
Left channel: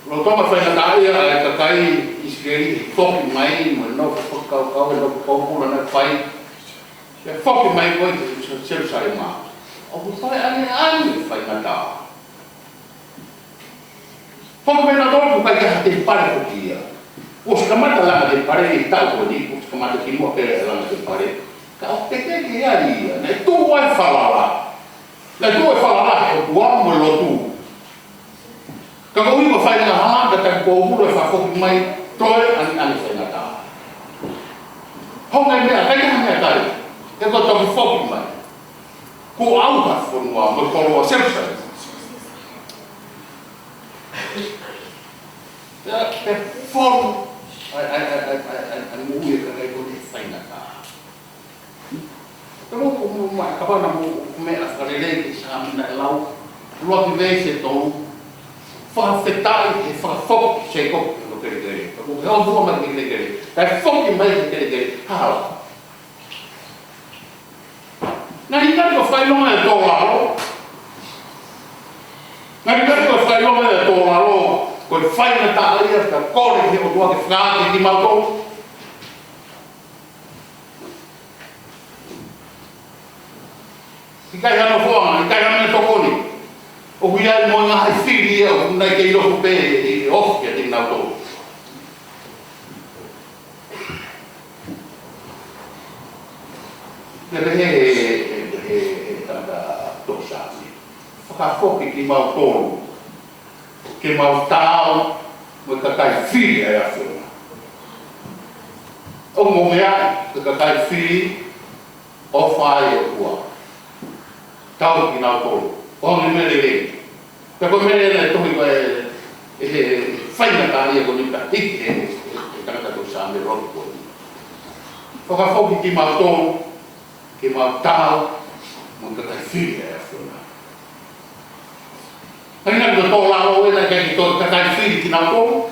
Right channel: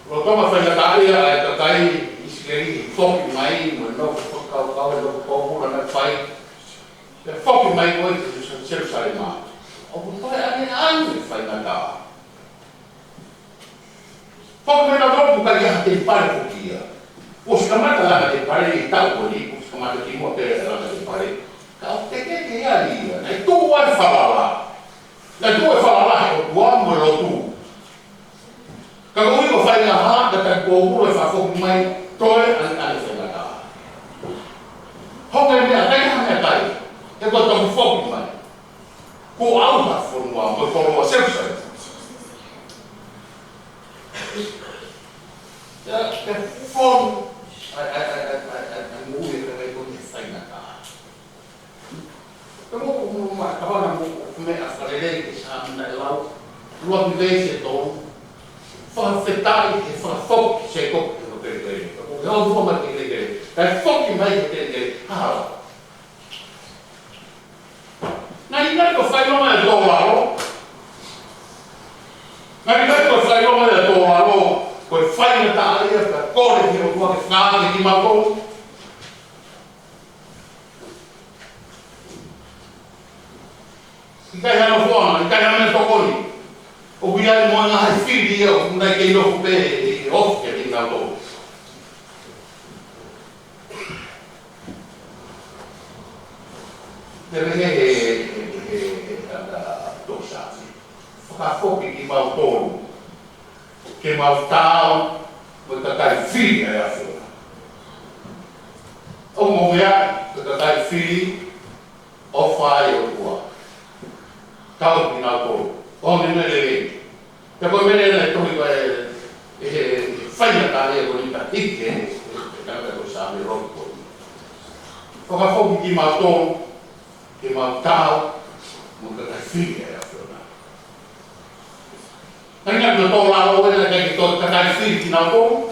lo toma whainga e ka kai Israeli whoki mai ma no whakau no kōpura na whai e whoki mai koe te Jerusalema o ku whai ani whainga tā whoki mai na tōku kai ka te pare hoki ia o skamata langa te pare i tau ko ni o skamata ki mua pere langa te pare ka o te ke ali ia nei tō ai whalala nei tō ai whalala o tua mo lotu ka ko iko whainga hanga ka kōpura e whafoki mai toi ani whainga tā honga mea kai hanga kai e ko tōku whoki mai ko au hawhonua mo koroa Jerusalem te whonu ai ngui e kai ko te whainga tā Kamu apa namu me afalele sa na lau lo que vem se tom fa fetai e fa fok se ko no que ele o real do mas que ele é fok mais que ele ha na ina ko fai no é do lado na ina ko fai no é do lado ko fai na ta ali ka ko que o que fra que mal Ikai hana whanga, ikai hana me tokoni. O huia mo ngā hai whiri o kundai kei nofu pē e ofu kia tēnā o tō. Te rehe e tata tō sāti. Whakakopi ki mau tōru. Ke mau tāo, mo kakai whiri ai a whunga. O mo mea, te kakai whiri o whai o tua. Tau ki nāu tōru. O me mere me. Ka koe mere nei tohi koe e whaina tāre e koni ka hiki e tangata tō sāme roki koni. O ka whoki ki mau tōru, ki mau tāu, mo ka kai whiri e a whiuna. Haina ki tō lao e nei kei ki tō ka kai whiri ki nāu tōru,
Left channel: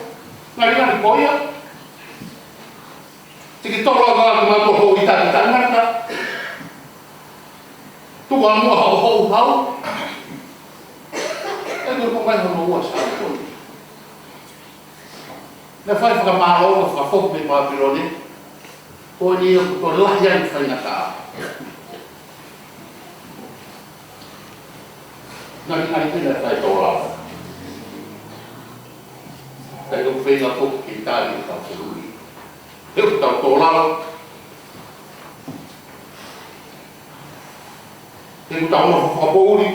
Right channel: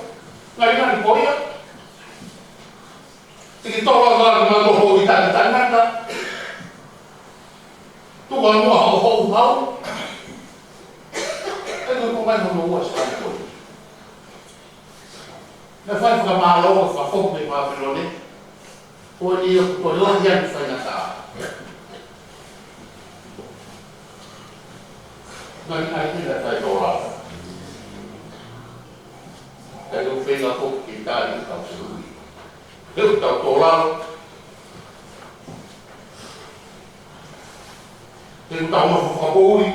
ngari ngari koia. Tiki tō lao kāra ki mau tō hōi tāki tāngata, Tua mua hau hau. E no ko mai no ua sa ko. Na fai fra malo, fra fok me Babilone. O ni o to lahian fai na ka. Na ni ai tena tai to la. Tai ko fai na fok ki ta ni ka se lui. Eu ta to la. Te tau no whakapōri.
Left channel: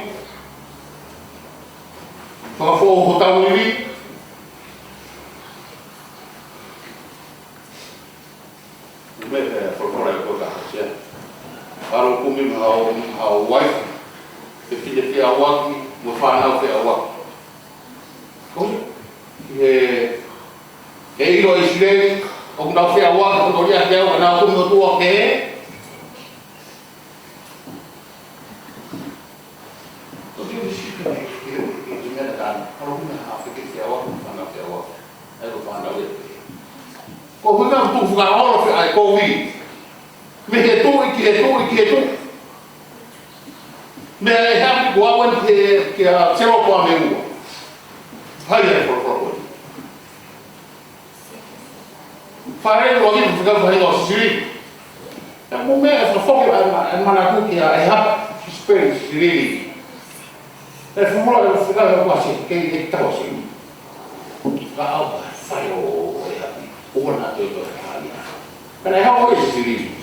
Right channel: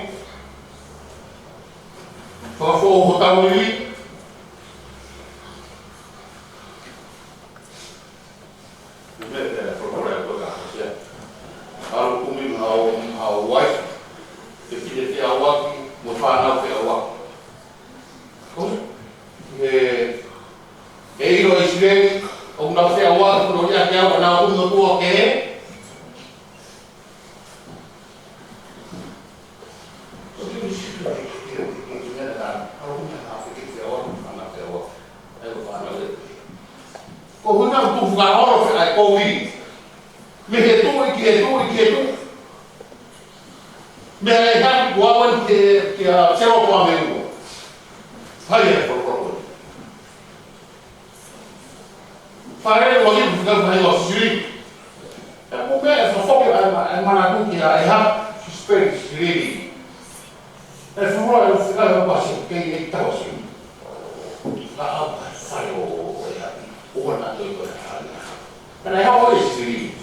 Whakapō ho tau niri. Me whakapōra e kota hasia. Aro kumi ma hao wai. Te whine te awaki, mo whanau te awaki. Koi? E iro i sire, o nau te awaki, o nori a te awa, nau kumu tua ke he. Ko huna tu fuga oro fe ai ko wi. Me he tu ki he tu ki he tu. Me he ha ku awan ke a sero ko ame u. Pai e ko. Fare lo ni fuga vai lo siri. E mo me e fo an mana ku ki a ha space really. E fo mo la fuga ko asi ke e trosi. Ka au fare o ona te to kani. Kana e hawo e siri.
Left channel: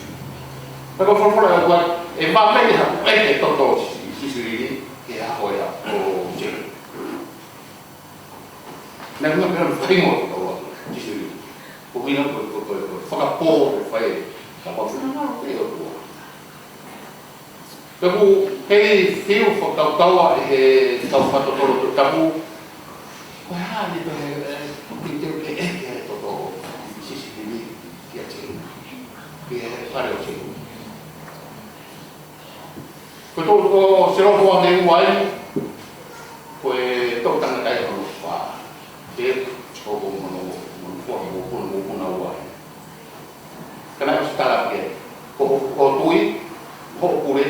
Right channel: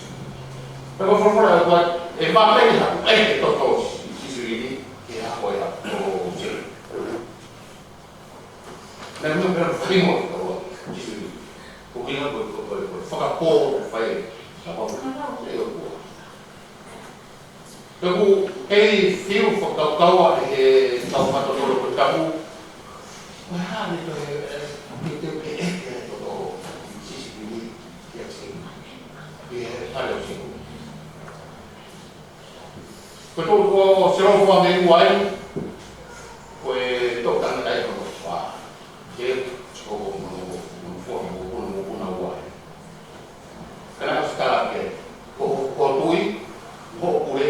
Pero for e va me ha e to to siri e a hoia o je. Na no me primo to siri. O mino ko fa po fai. Sa po no e o to. Pero e fio fo tau e tau fato to tapu. Ko ha ni to Ko tō se ro fo me uai ko e tō tanga kai no fa e o ko mo fo mo na uai kana ko stara ke ko tui ko pure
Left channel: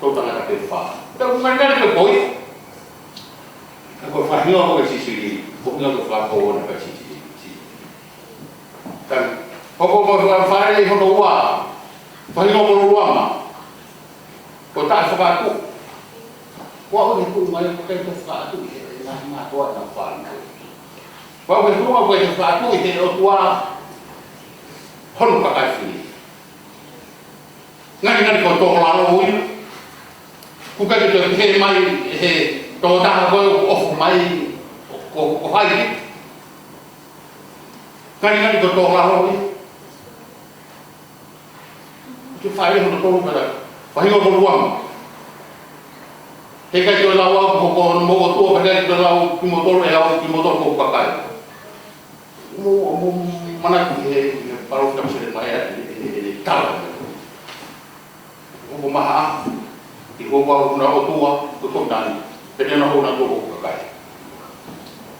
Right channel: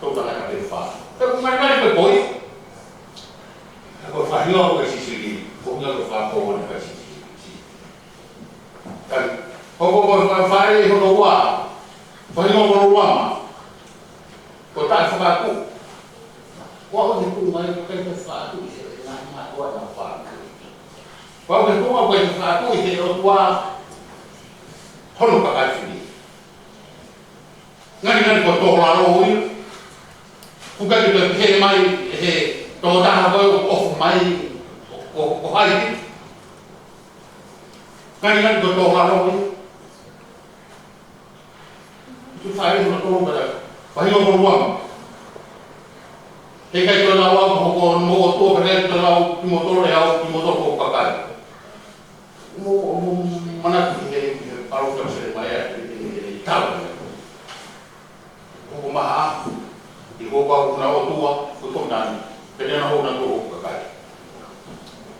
tō tanga kai fa pero ngani ko koi ko fa hio ko si ko nga ko fa ko na ka si kan ko fa e ho no wa fa hio ko wa ma ko ta fa ku ko ni ku mai ko kai fa tu e na ko ta fa na ko ni ku ma ko fa tu e o tua hono ka kai fi ngani ko to la lo wi ku ka to te mai he to ta ko o mai o hai ngani ko to la lo wi tu fa ri no to ka Pai o ruang. He kai to la ko mo to ka kai to la ki motor e au ki motor ko ka kai. Mo mana ki he paro ka se mai e ta. o maha i ho wa una o tua ko tani pe na ho na to ko kai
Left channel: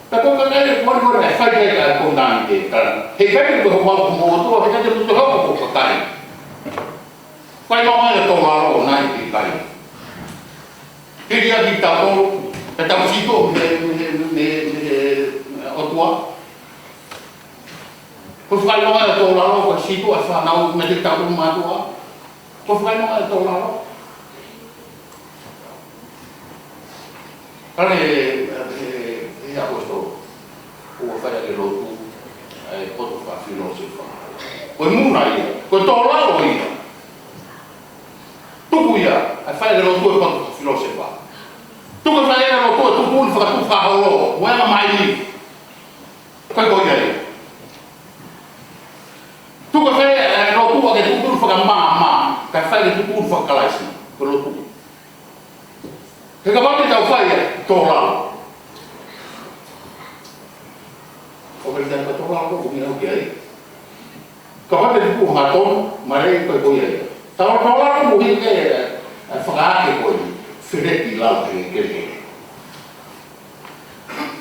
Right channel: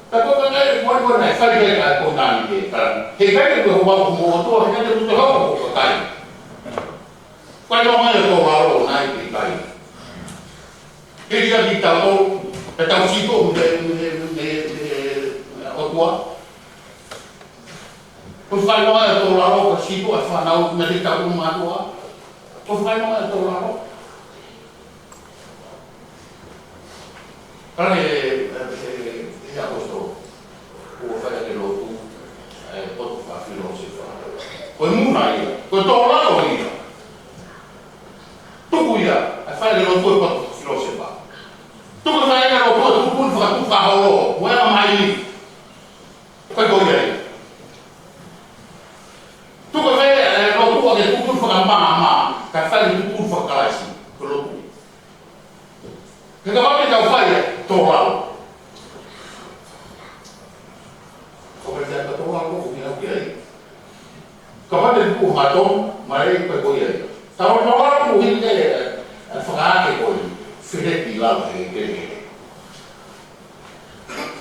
ta ko kai ko ko na fa je ka ko tani ke ka he kai ko ho ko mo to he kai to ho ko kai pai no mai to la ro na ki kai ke dia di ta to ta ta si to me o tua ko fai no mai to la ro ka si to fa na o me di ta ko ma tua ko fai no mai to la ro Kare ia posto o fare che lo tu posto fa filosofo. O muna ia, ko to la o ia. Tu ia, a fare lo tu posto filosofo. Tu ko fare lo tu fa tu fa ho, wa mai ni. Ko ko ia. Tu ko fare lo tu che tu fa ma, ka fare tu fa kalasi, ko lo tu. Che cavalli da fare tornare. Ho pensato tornare con un ok. Cavalli di buon matto, ma lei per voi. Stavo tornando con il a fare con Federici là che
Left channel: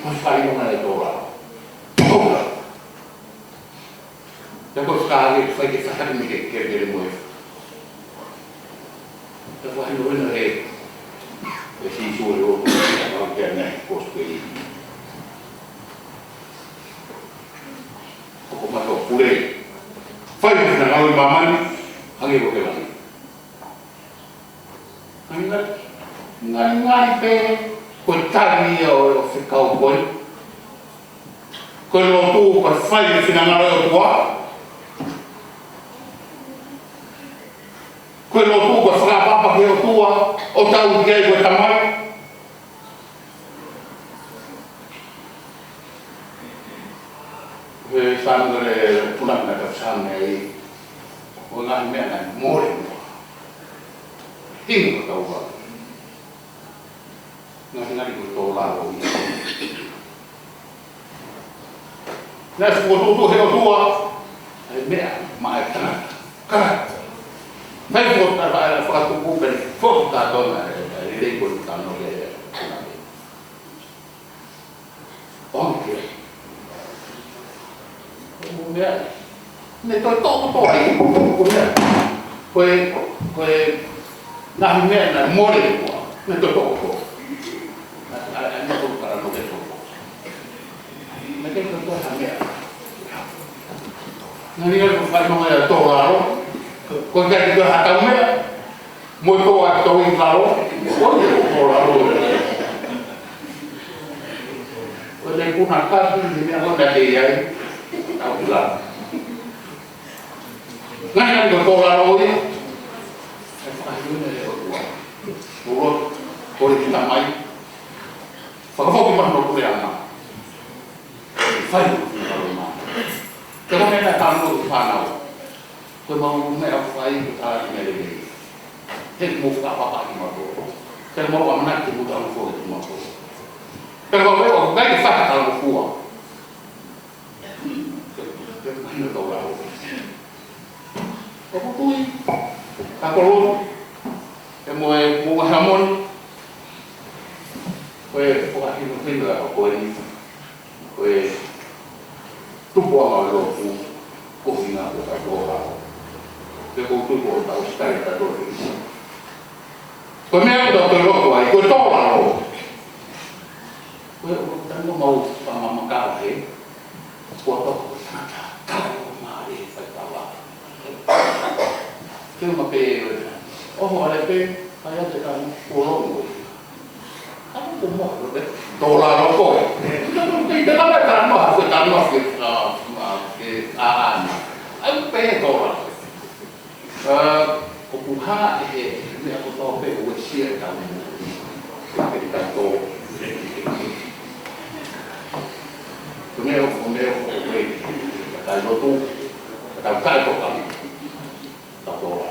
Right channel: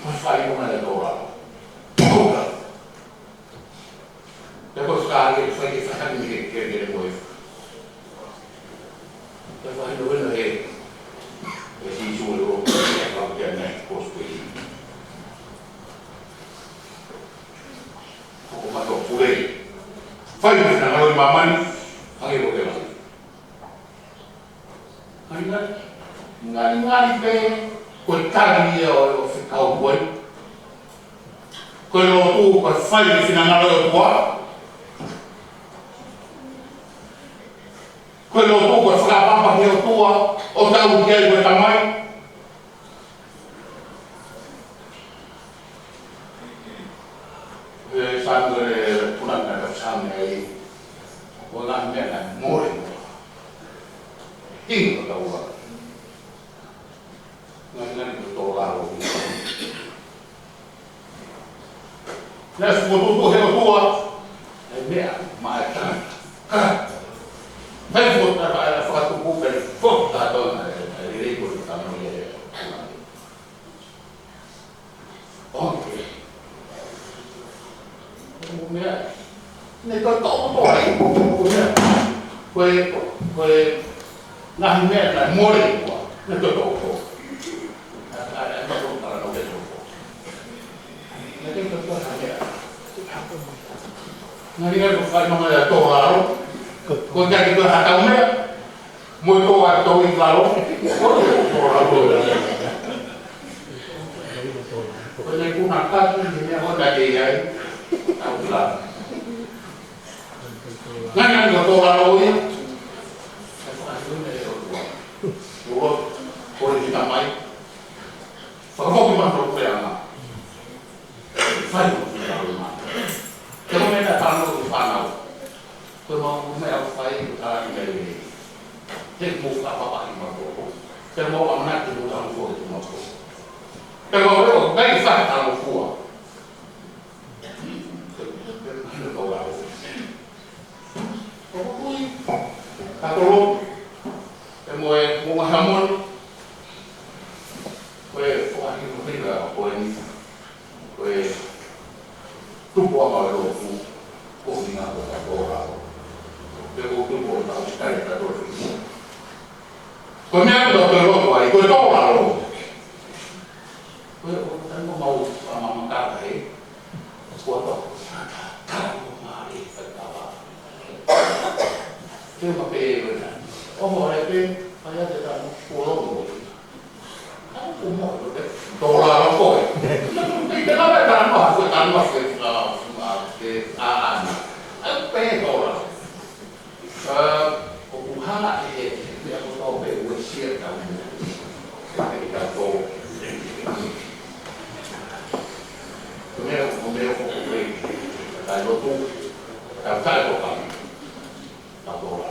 non fai una di tornare. Da costare fai che farmi che delle muove. Da fare una e si suolo non che ne posto lì poco ma to pure fai una al mamani anche lo che va ngani pe portarmi o se cowboy quello tu per fare fino a una tua quello tu per fare la papà che tua o tau che hai questa mai sandre punana da sanne o na mena more tingo tau ngani ko to la ro na foto tu he tua ai mea ma ka Fai foto la fatto un po' foto donna le regole stanno le anche come ne to come na me na more ne to no para no de me tengo to también no ni lo fai no era to la con que itu hataunya muy to atau ingkaro oleh punaka ini aku dah dia tahu lah ngan yang to laro ini apa ini urut boleh kita mai fakau kita mau pulang fai kalau kita tahu di mana Kau mau nak fly kita ni hek move apa ini mahu. Kalau mau anak tu bukan kau itu mahu. Kalau kau baik faham kalau kau. Mana tahu lah. Kau kui, kau lom, mau hamon, kau itu tinggal kau tu buang kalau kau tinggal kau Devo tutto da stare da dove. Come ha dato il logo ai quel toro. Quello tanto mau sama makala foto kalau mari fatawa. Cuma pe oh ada pe saya tekan pulau. Kamu kumok loh deh. Dolar apa? Tidak ada kan mau aku tanah ke aan. Apa dolar? Kukuha ni ako to pe usia tahu kita to tumero kowe kalau tu kalau kau kan tak tahu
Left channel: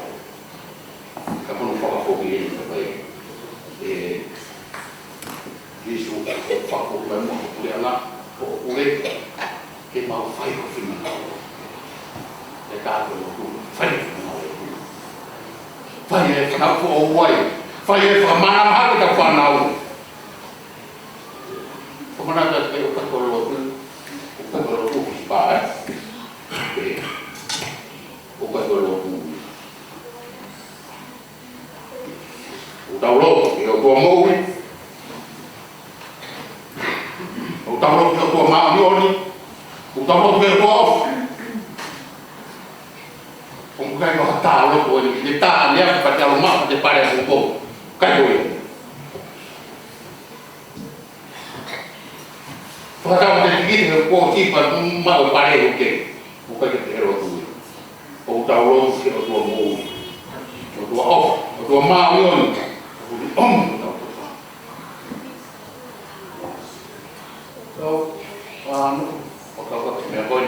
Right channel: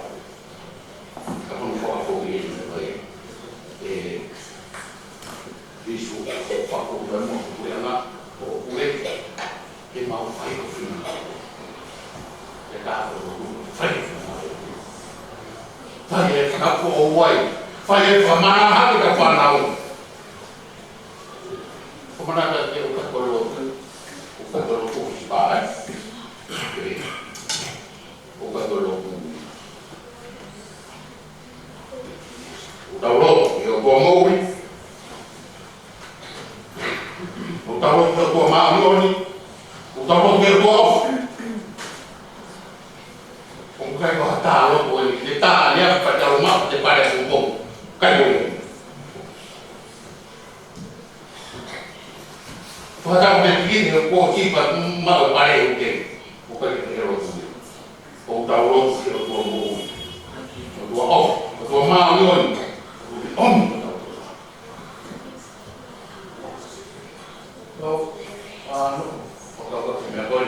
kalau kau pergi isu fakku dan mau punya anak boleh kita mau fight ke final kita perlu fight final Fai o wai. Fai e whamana hake ka whanau. Whamana ka te o kakorotu. O kakorotu ki pae. O kakorotu. O tauloto e o tua mou. O tauloto e o tua maonioni. O tauloto e o tua ofu. O kai ko ta lo ko ni ta ne pa ta lo ma te pare un po kai ko yo pa ka mo te ki ko ki pa ma o pare o ke o ka ke ero tu o ta lo ke o mo o to ma ni on o o ka ko me bon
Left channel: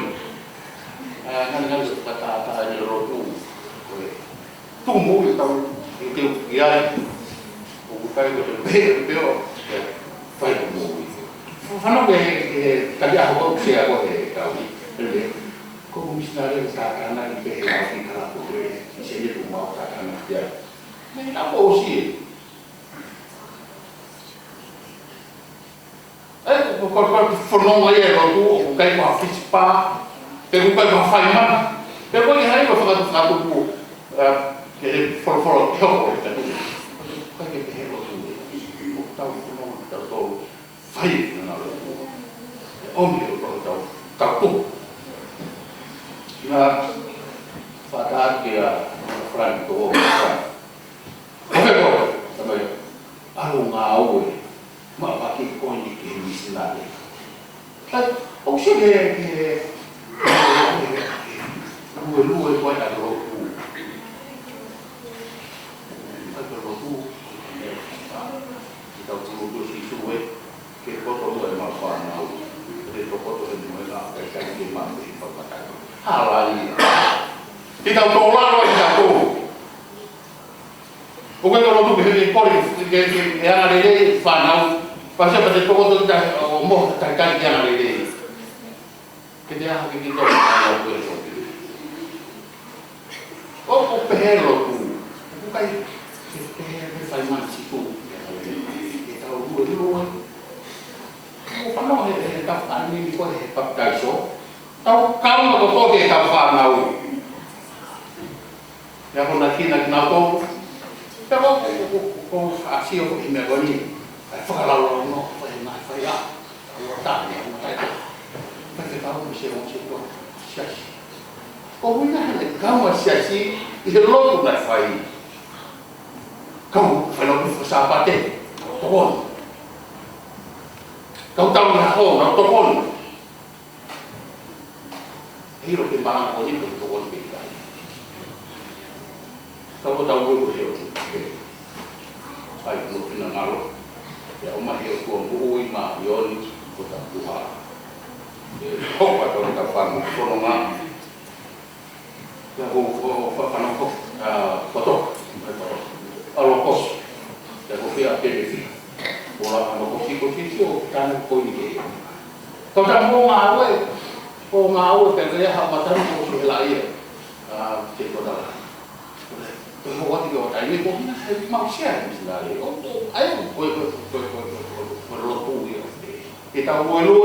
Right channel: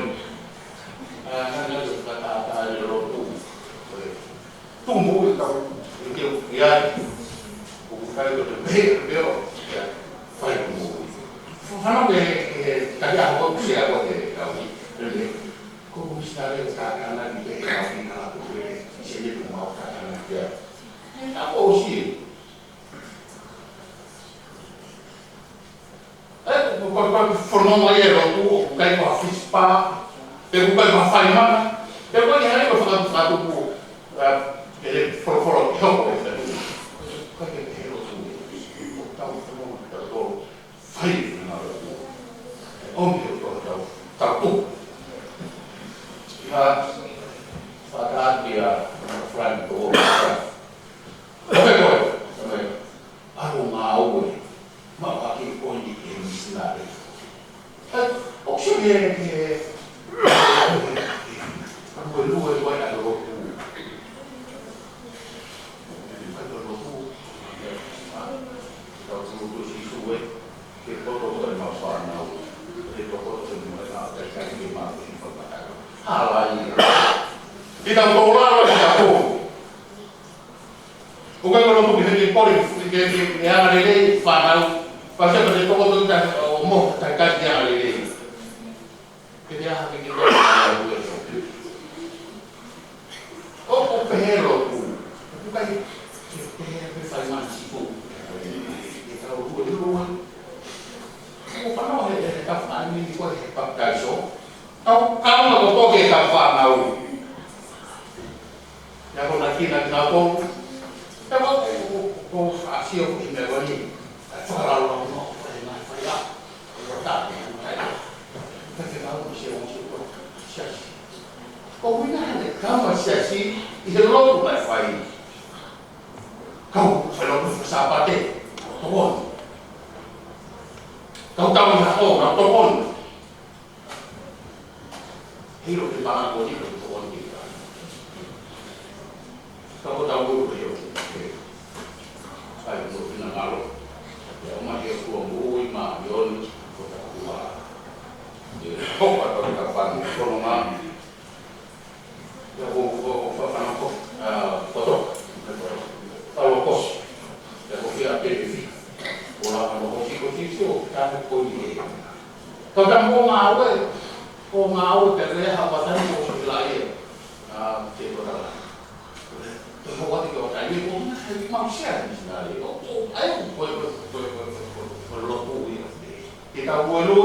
nan ta ro tu tumbuhi tau e te uki ai o kai ko te peo fai tumbuhi whanau e tari aho ko se aho e kaui ko misnare ka kana ni pe ki ka ko e se e tu mau ka kana ya na o si ko forno mai ero tu o kai ko fispa pe ko kai ko fai mana pe ko ni hai ko fa tu ku che foro che ho poi da tu che ero tu tau no da to fai non ho tu ogni cosa tau tu na fata dia franco come come alunga ma che ogni che mi sinale o se che lui poi da loro che poco dove non fanno detto poco che non è la perché anche ma si fa patare alla lì ti da un colaro e da tu o quando tu che poi che era lei fanno faceva del poco da o mo dai cani di ana lei che ti ha che ti do alla questo o perlo tu kai che fai male si tu che tra due Pano he tafan ni ko he papaiso tau kau ko to ke ka fa nau ya ko na kina na to pero ko asio ko me goni fa la lo no fa na fa ya ko ta ni ko ta pa ke ka mo se mo se to sia ko mo na de ka mo sia si i lo ko na fa i ko fa lo ko sa pa te ko kau tahu nak kau nak tokon, hero di mana kau ni tokon kita. Kau tahu kau hero, ay kau pina malu, ya umah hero kau buui mah yon kau tak tua, kau atau kapan kau nama, kau kapan kau foto, kalau kau, ya kau pilih pilih. Bola ano posisi kan ko ni to ta mo ngau te re ha matan ko so la ye che ko da to mo wa ti ko ta ni ko na ma sia ni na le o to ai ko lo to ni ke ta mo lu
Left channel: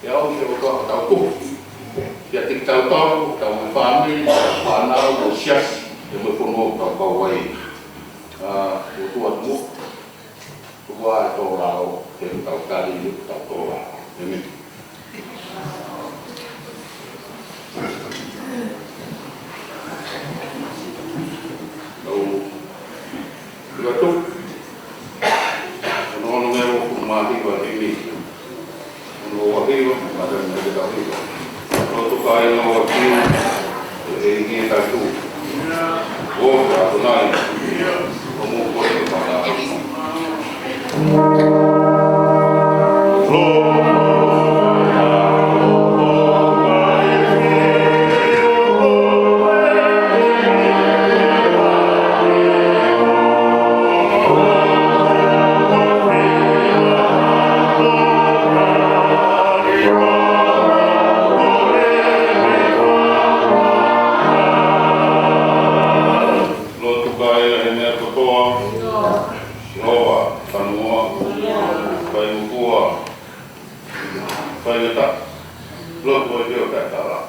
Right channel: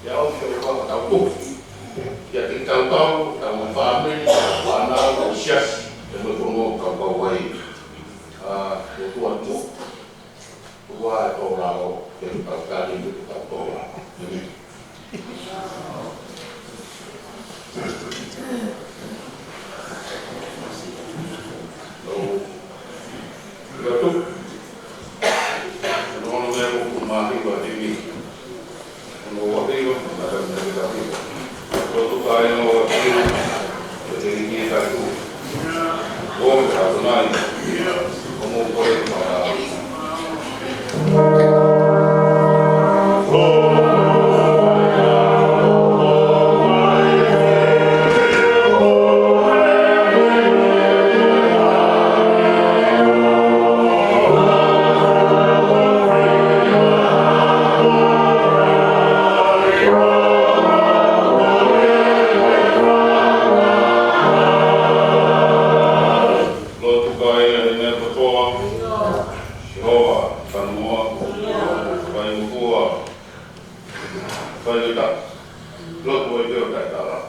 ya o se ko ta to ya ti ta to ta mo family pa na o sia te mo ko mo ka ka wai yo tu mo qua tô lao trên tàu cá đi tàu tô lao thế mình đâu là tốt nó nghe cũng mà đi vào đi đi nó đi mà gần đây đâu đi nó tụ cái nó đi rồi đi nghe ta tu bố đã tụi này có muốn có đến mà Sanoa, vai kukua, vai letak, belum boleh dia tak kalah.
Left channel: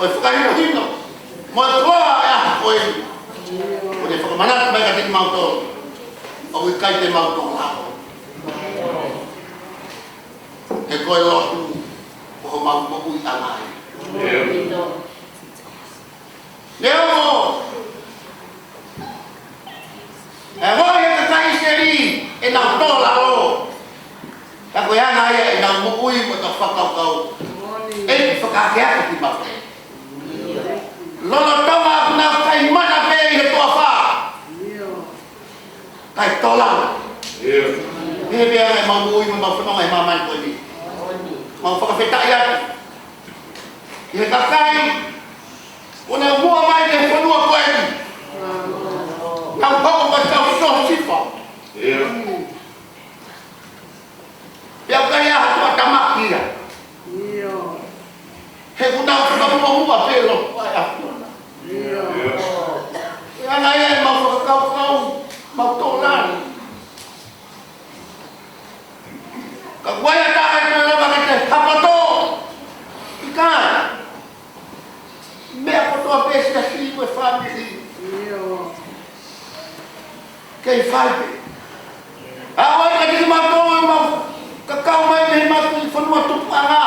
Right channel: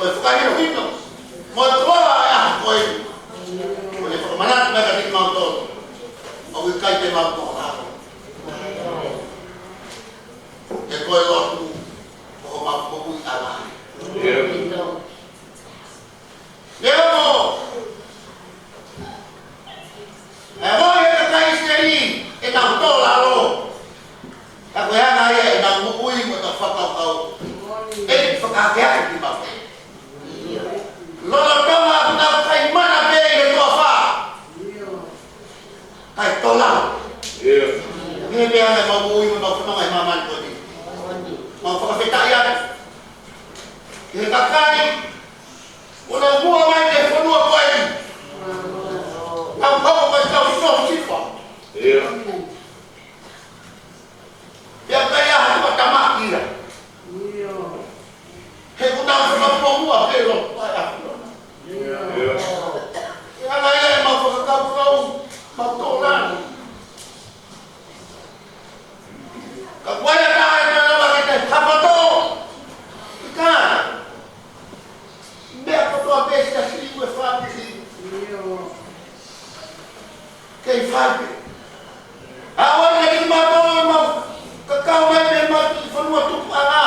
Koe whakahino. Mo toa e aha koe. Ko te whakamanata mai ka tiki mautoro. O ke kai te mautoro nako. E koe lotu o ho mautoro i anai. Leo mo. E hoi e ka kai seri e nau tō lalo. Ka koe ana ia e nau mokui mo ta whakaukau. E whakakea ki mako. Lola tawa nau kai mana pe i he toa wha. Kai tō lalo. E mea e mokui mo mawhanonga he mamani koe ni. Mau whakawhetai atu. I he kakai. Ona mua mai te whanua koe ni. Nau pako ka tau soho sifa. Pea kai aha kua tamaki ira. He kuna kona mua pe lo pai afuna. Pea ngai e mau whakakau mau tōlani. Ka waia tae te lama ki te hapato. I kai. Mea kotoa pēsi a si koe whāpisi. Kei whaipe. Awan ka tiki mātoa mau kakao mai me mau ki whanua tupu anga.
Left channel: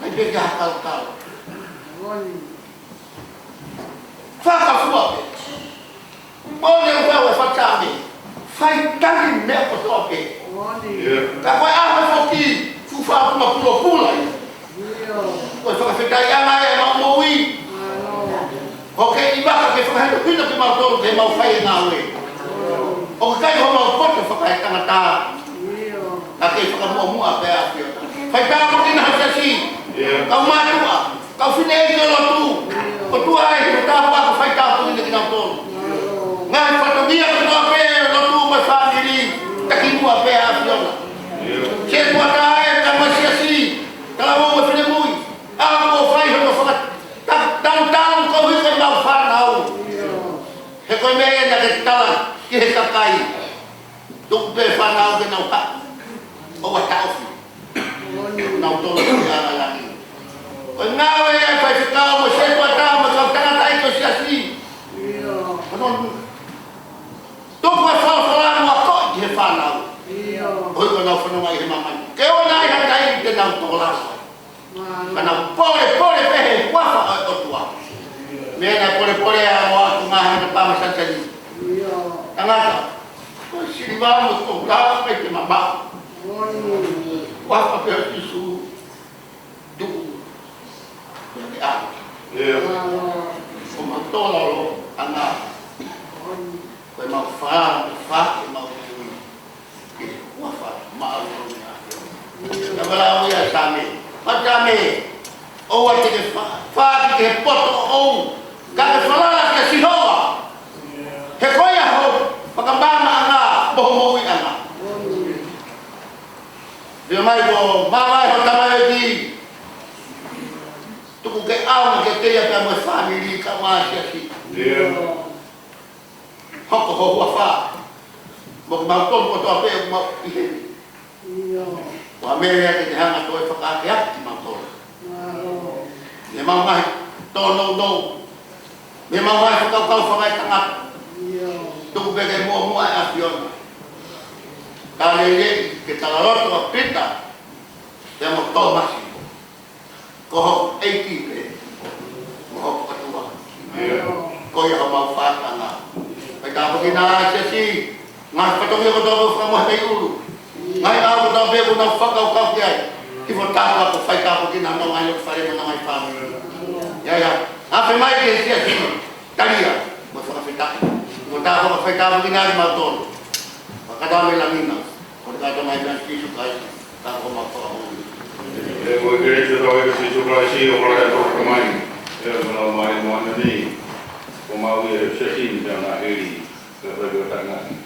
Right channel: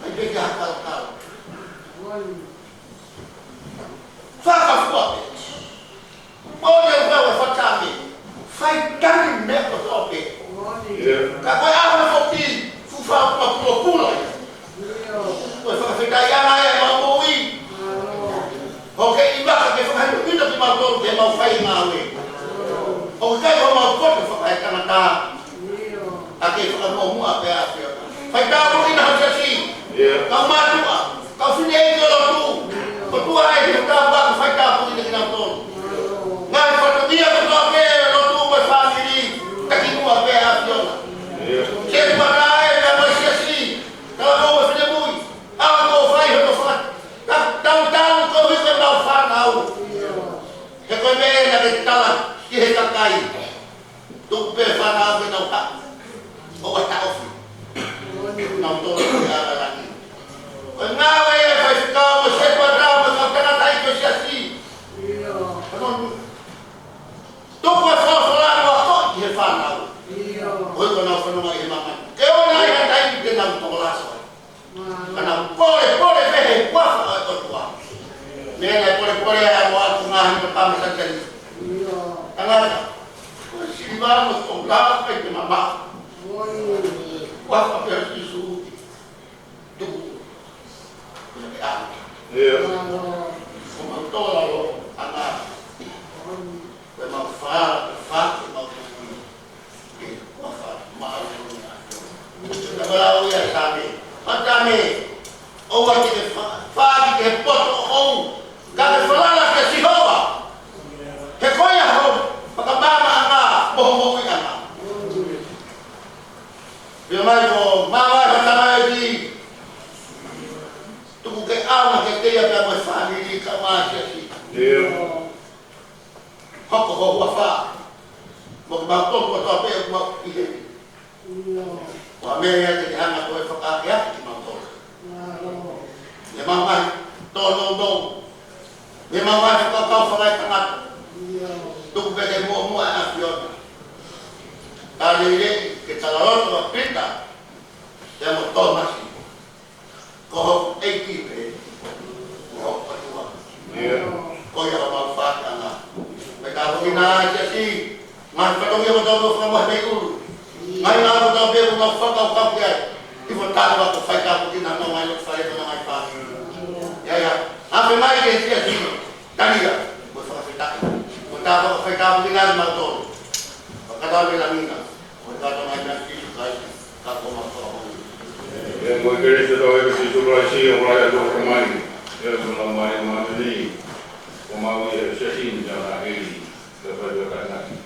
Kai peke hakao. Whakafua pe. Mbone uwewe whakame. Whai tari mea kotoa pe. Ka koe awa whoki fuwha una pula. Koe whakawhetai anga e mau moui. Oke ibaka ke whakahendo hina ki mau toro ke mau whai ngā ue. O kai ho mau poto whakahe tangata. Ka ke whakamua pe a whiota. Whai tāwa ki nga hasi. Kau mātua. Kau whine e ki o lotu. O tua e ki tāwa ko whai tāwa ki nga toro. Ngā he whatongia ki ngā pe lotu mai whākiri. Taki mua pe a whiota. Se tua tā e ka mai siasi. Kala mo mai whine mui. Awa ko whai ho ka whakat. Tau ko hika mau whanau. He koe mea na ke tala ki he kakai. Tuku pe whanau ke nau hak. O wa tau. Nau tolo ki ara lagi. Koe ngāwe e whai whikau mo senpa tau ma kau tangata i ko siasi. Tuku e whawhalang wa ko i he whanau. Hoi ko nau whanau mai he mamani. Ke o nai hatai i te nau tolo lasa. Kana pole pehe wafa o tua. Mena pole a mo aku mahan te pama sancani. Tangata. Ko siriba mo to blas pe te mama. Wafa pe isu. Tuku. Yang a. O matola lo ana. Ko ma fa ma wafa ma. Ya bala ya sami. Matame, o wati ke whaaki ke poto o ka te whalala ke sihoa. He koia ho, pakambana anga, boho moui anga. Pia mai ko, mawai ho tamai ki, tuku ke auna ke teia pia moe whamiri ka wāsi aki. Hoko ho hua wha. Mo ke mautonu ko toa pia kuma ihe. Wa mea ke te hanga koe whakaake ake ki mautoro. Le mau mai tō nou. Le mau mai whakau whakai tangata. Tuku peke mua e a whiona. Ka lele ke talaroto a pita. Te mo tō masi. Ko ho eiki pe. Ko ho patua. Ko ia ka mau whakanga. Peka hoki nā si. Ngā patongi o tō whamohe te uru. Ngai ngā ko tau beku tau whakau ki ai. Ki mo tātua ko whai tāpu ki nā ngai lok whare mo ngai whāni. Ia. Awhi mai ke sia sino. Taria. Mo whakawhitai. Mo tātua ko whai tāpu ki ngai mautoro. Whakatau me lamina. Ko te kata mai mea kisu kai. Tātua mau whakau. Ia mo ke reise tau e kisu kai si o mara e tōka mai. Ia ko nā mai e mana ni. Ko mau i e sesini tēnā heri. Ka whai o tāngati.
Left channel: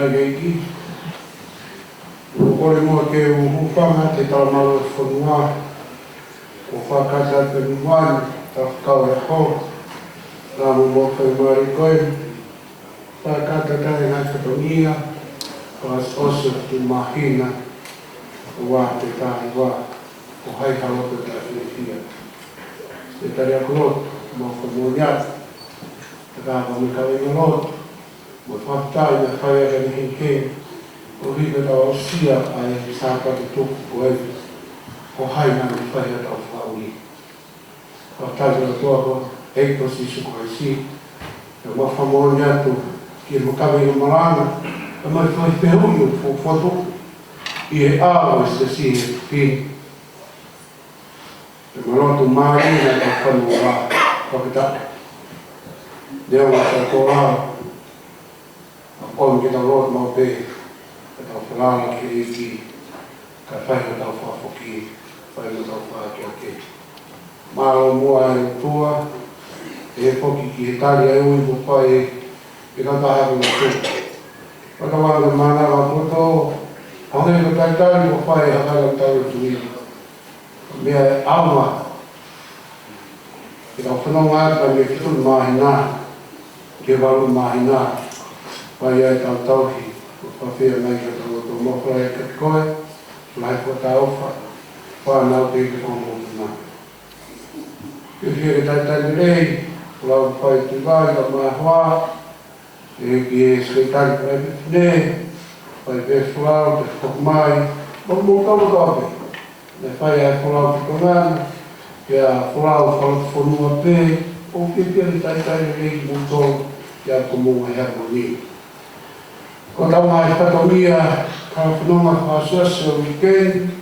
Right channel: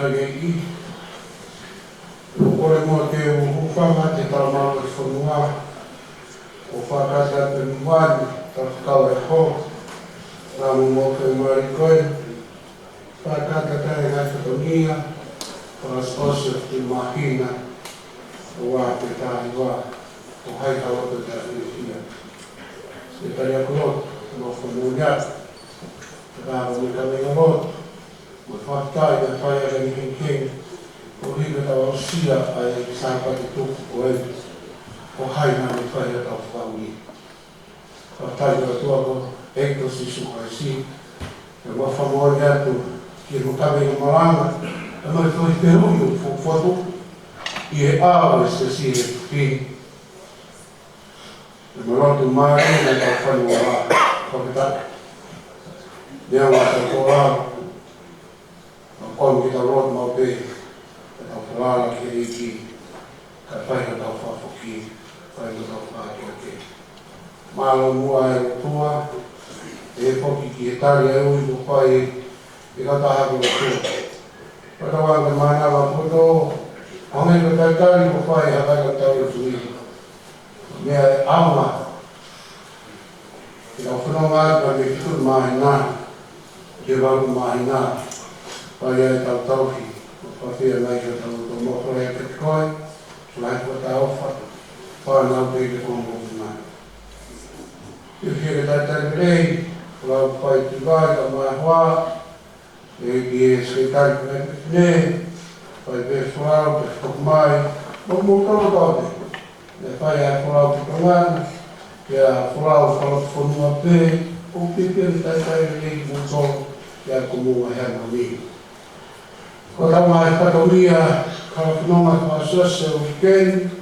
Taigi, kore mua ke uwhanga te tau malu e whanua, o whakata te nuan, ta whakau e ho, rā mu mō kai mwari koe, whakata kai ngai whakaunia, pas osu te mahina, o wā te tāi wā, o hai haloka ta whiwhia. Se tari a korot, mō whanua niat, ta kā wani kawenga lot, mo whakatai na whai aga ni hei o rika tau ausia ai sāpati tuku ko e o hai nā ni whai aga tau whauri. Whakatai kora toa ko eito si suko e si, e wa whamoni atu ki e mokawe i marana, e mai whai whihui o whoto i e āo e se si e pi. E marotu māri na tau whai o rā, whakatai. Leo ngā tau āo, on kita rot mau pe kita fala ke iki ka fai ka fa foki fai no fa ke ma mo ai tua e foki ki Italia u i pai e ka ta ha ko ko ka wa ma na la foto a ne ka ta ko pai ha ka ta u tu me ama kita fa no wa ka me tu ma na ke va ma na pai e tau tauhi, o whawhia nei ka tau tō mokora e ka koe, lai po ta ofa, whanau te ke kongo te mai. Ke whia ke tai tai rei, lau pai te vai ka mai hoa, e ki e skaitai ka e whine, pai pe whulau te whakumai, mo mo tolo tauhi. Ne whai e whulau te kongana, ke a whulau whanua pe, o ke pia ni tai tai rei ki mūtolo, ke a komunga hea moni. Ko tau mai katoria ka whanonga kwa sase o weekend,